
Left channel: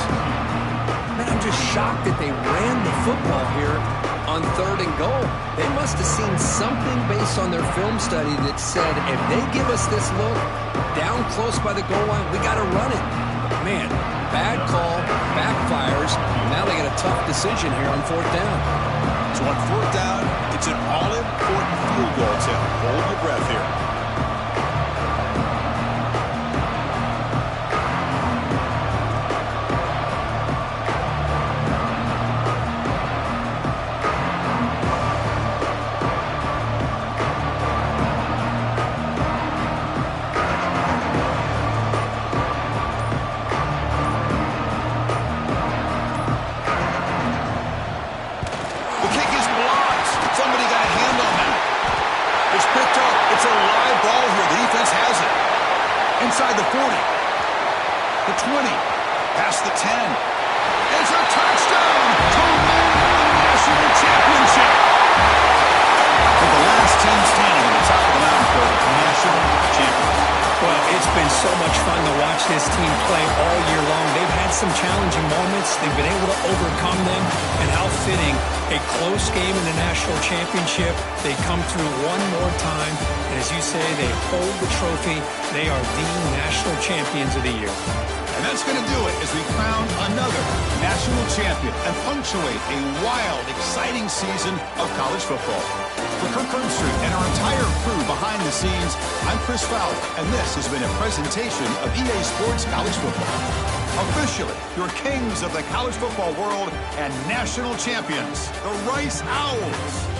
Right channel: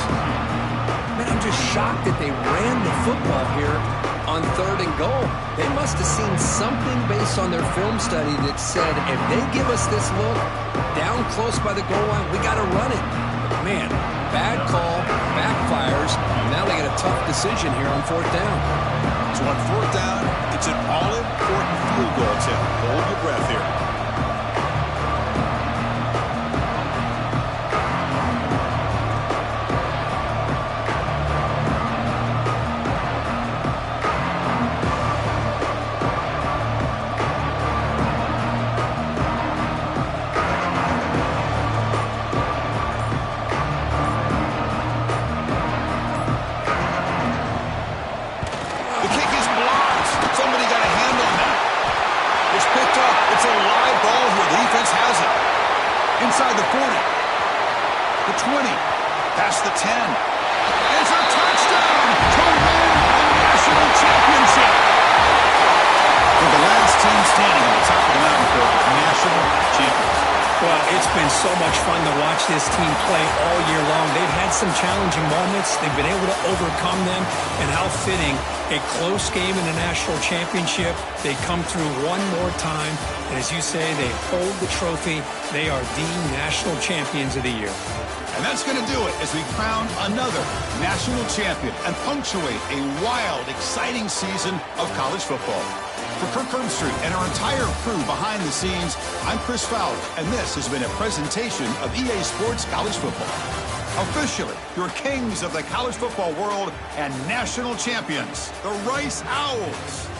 Man, I'm just shocked that they ran the football here on third and goal. They must have seen something based on their film study that said, if they give us this look down close by the goal line, we got to run it. Man, bad call, backfires. Now they got a tough decision here on fourth down. So on fourth down, it's an all-important field goal attempt. Hold your breath here. It's a live ball here. The defense has it. Inside the 40. The 20. Past the 10. It's a touchdown to win the national championship. For the last team standing on the top of the mountain for national champions. Well, it's been so much fun to watch this team play all year long. They've had some challenging moments. They've been able to overcome them. And how fitting, a close game in the national championship. They come through one more time. And as you say, they hold the trophy. They are the national champions of the year. And that's going to do it as we crown another national champion and punctuate a wild, exciting season of college football. For Kirk Herbstreit and our entire crew behind the scenes, I'm Chris Fowler, and this has been a presentation of EA Sports College Football. Officially, your kings of the college football world and national champions, the Rice Owls.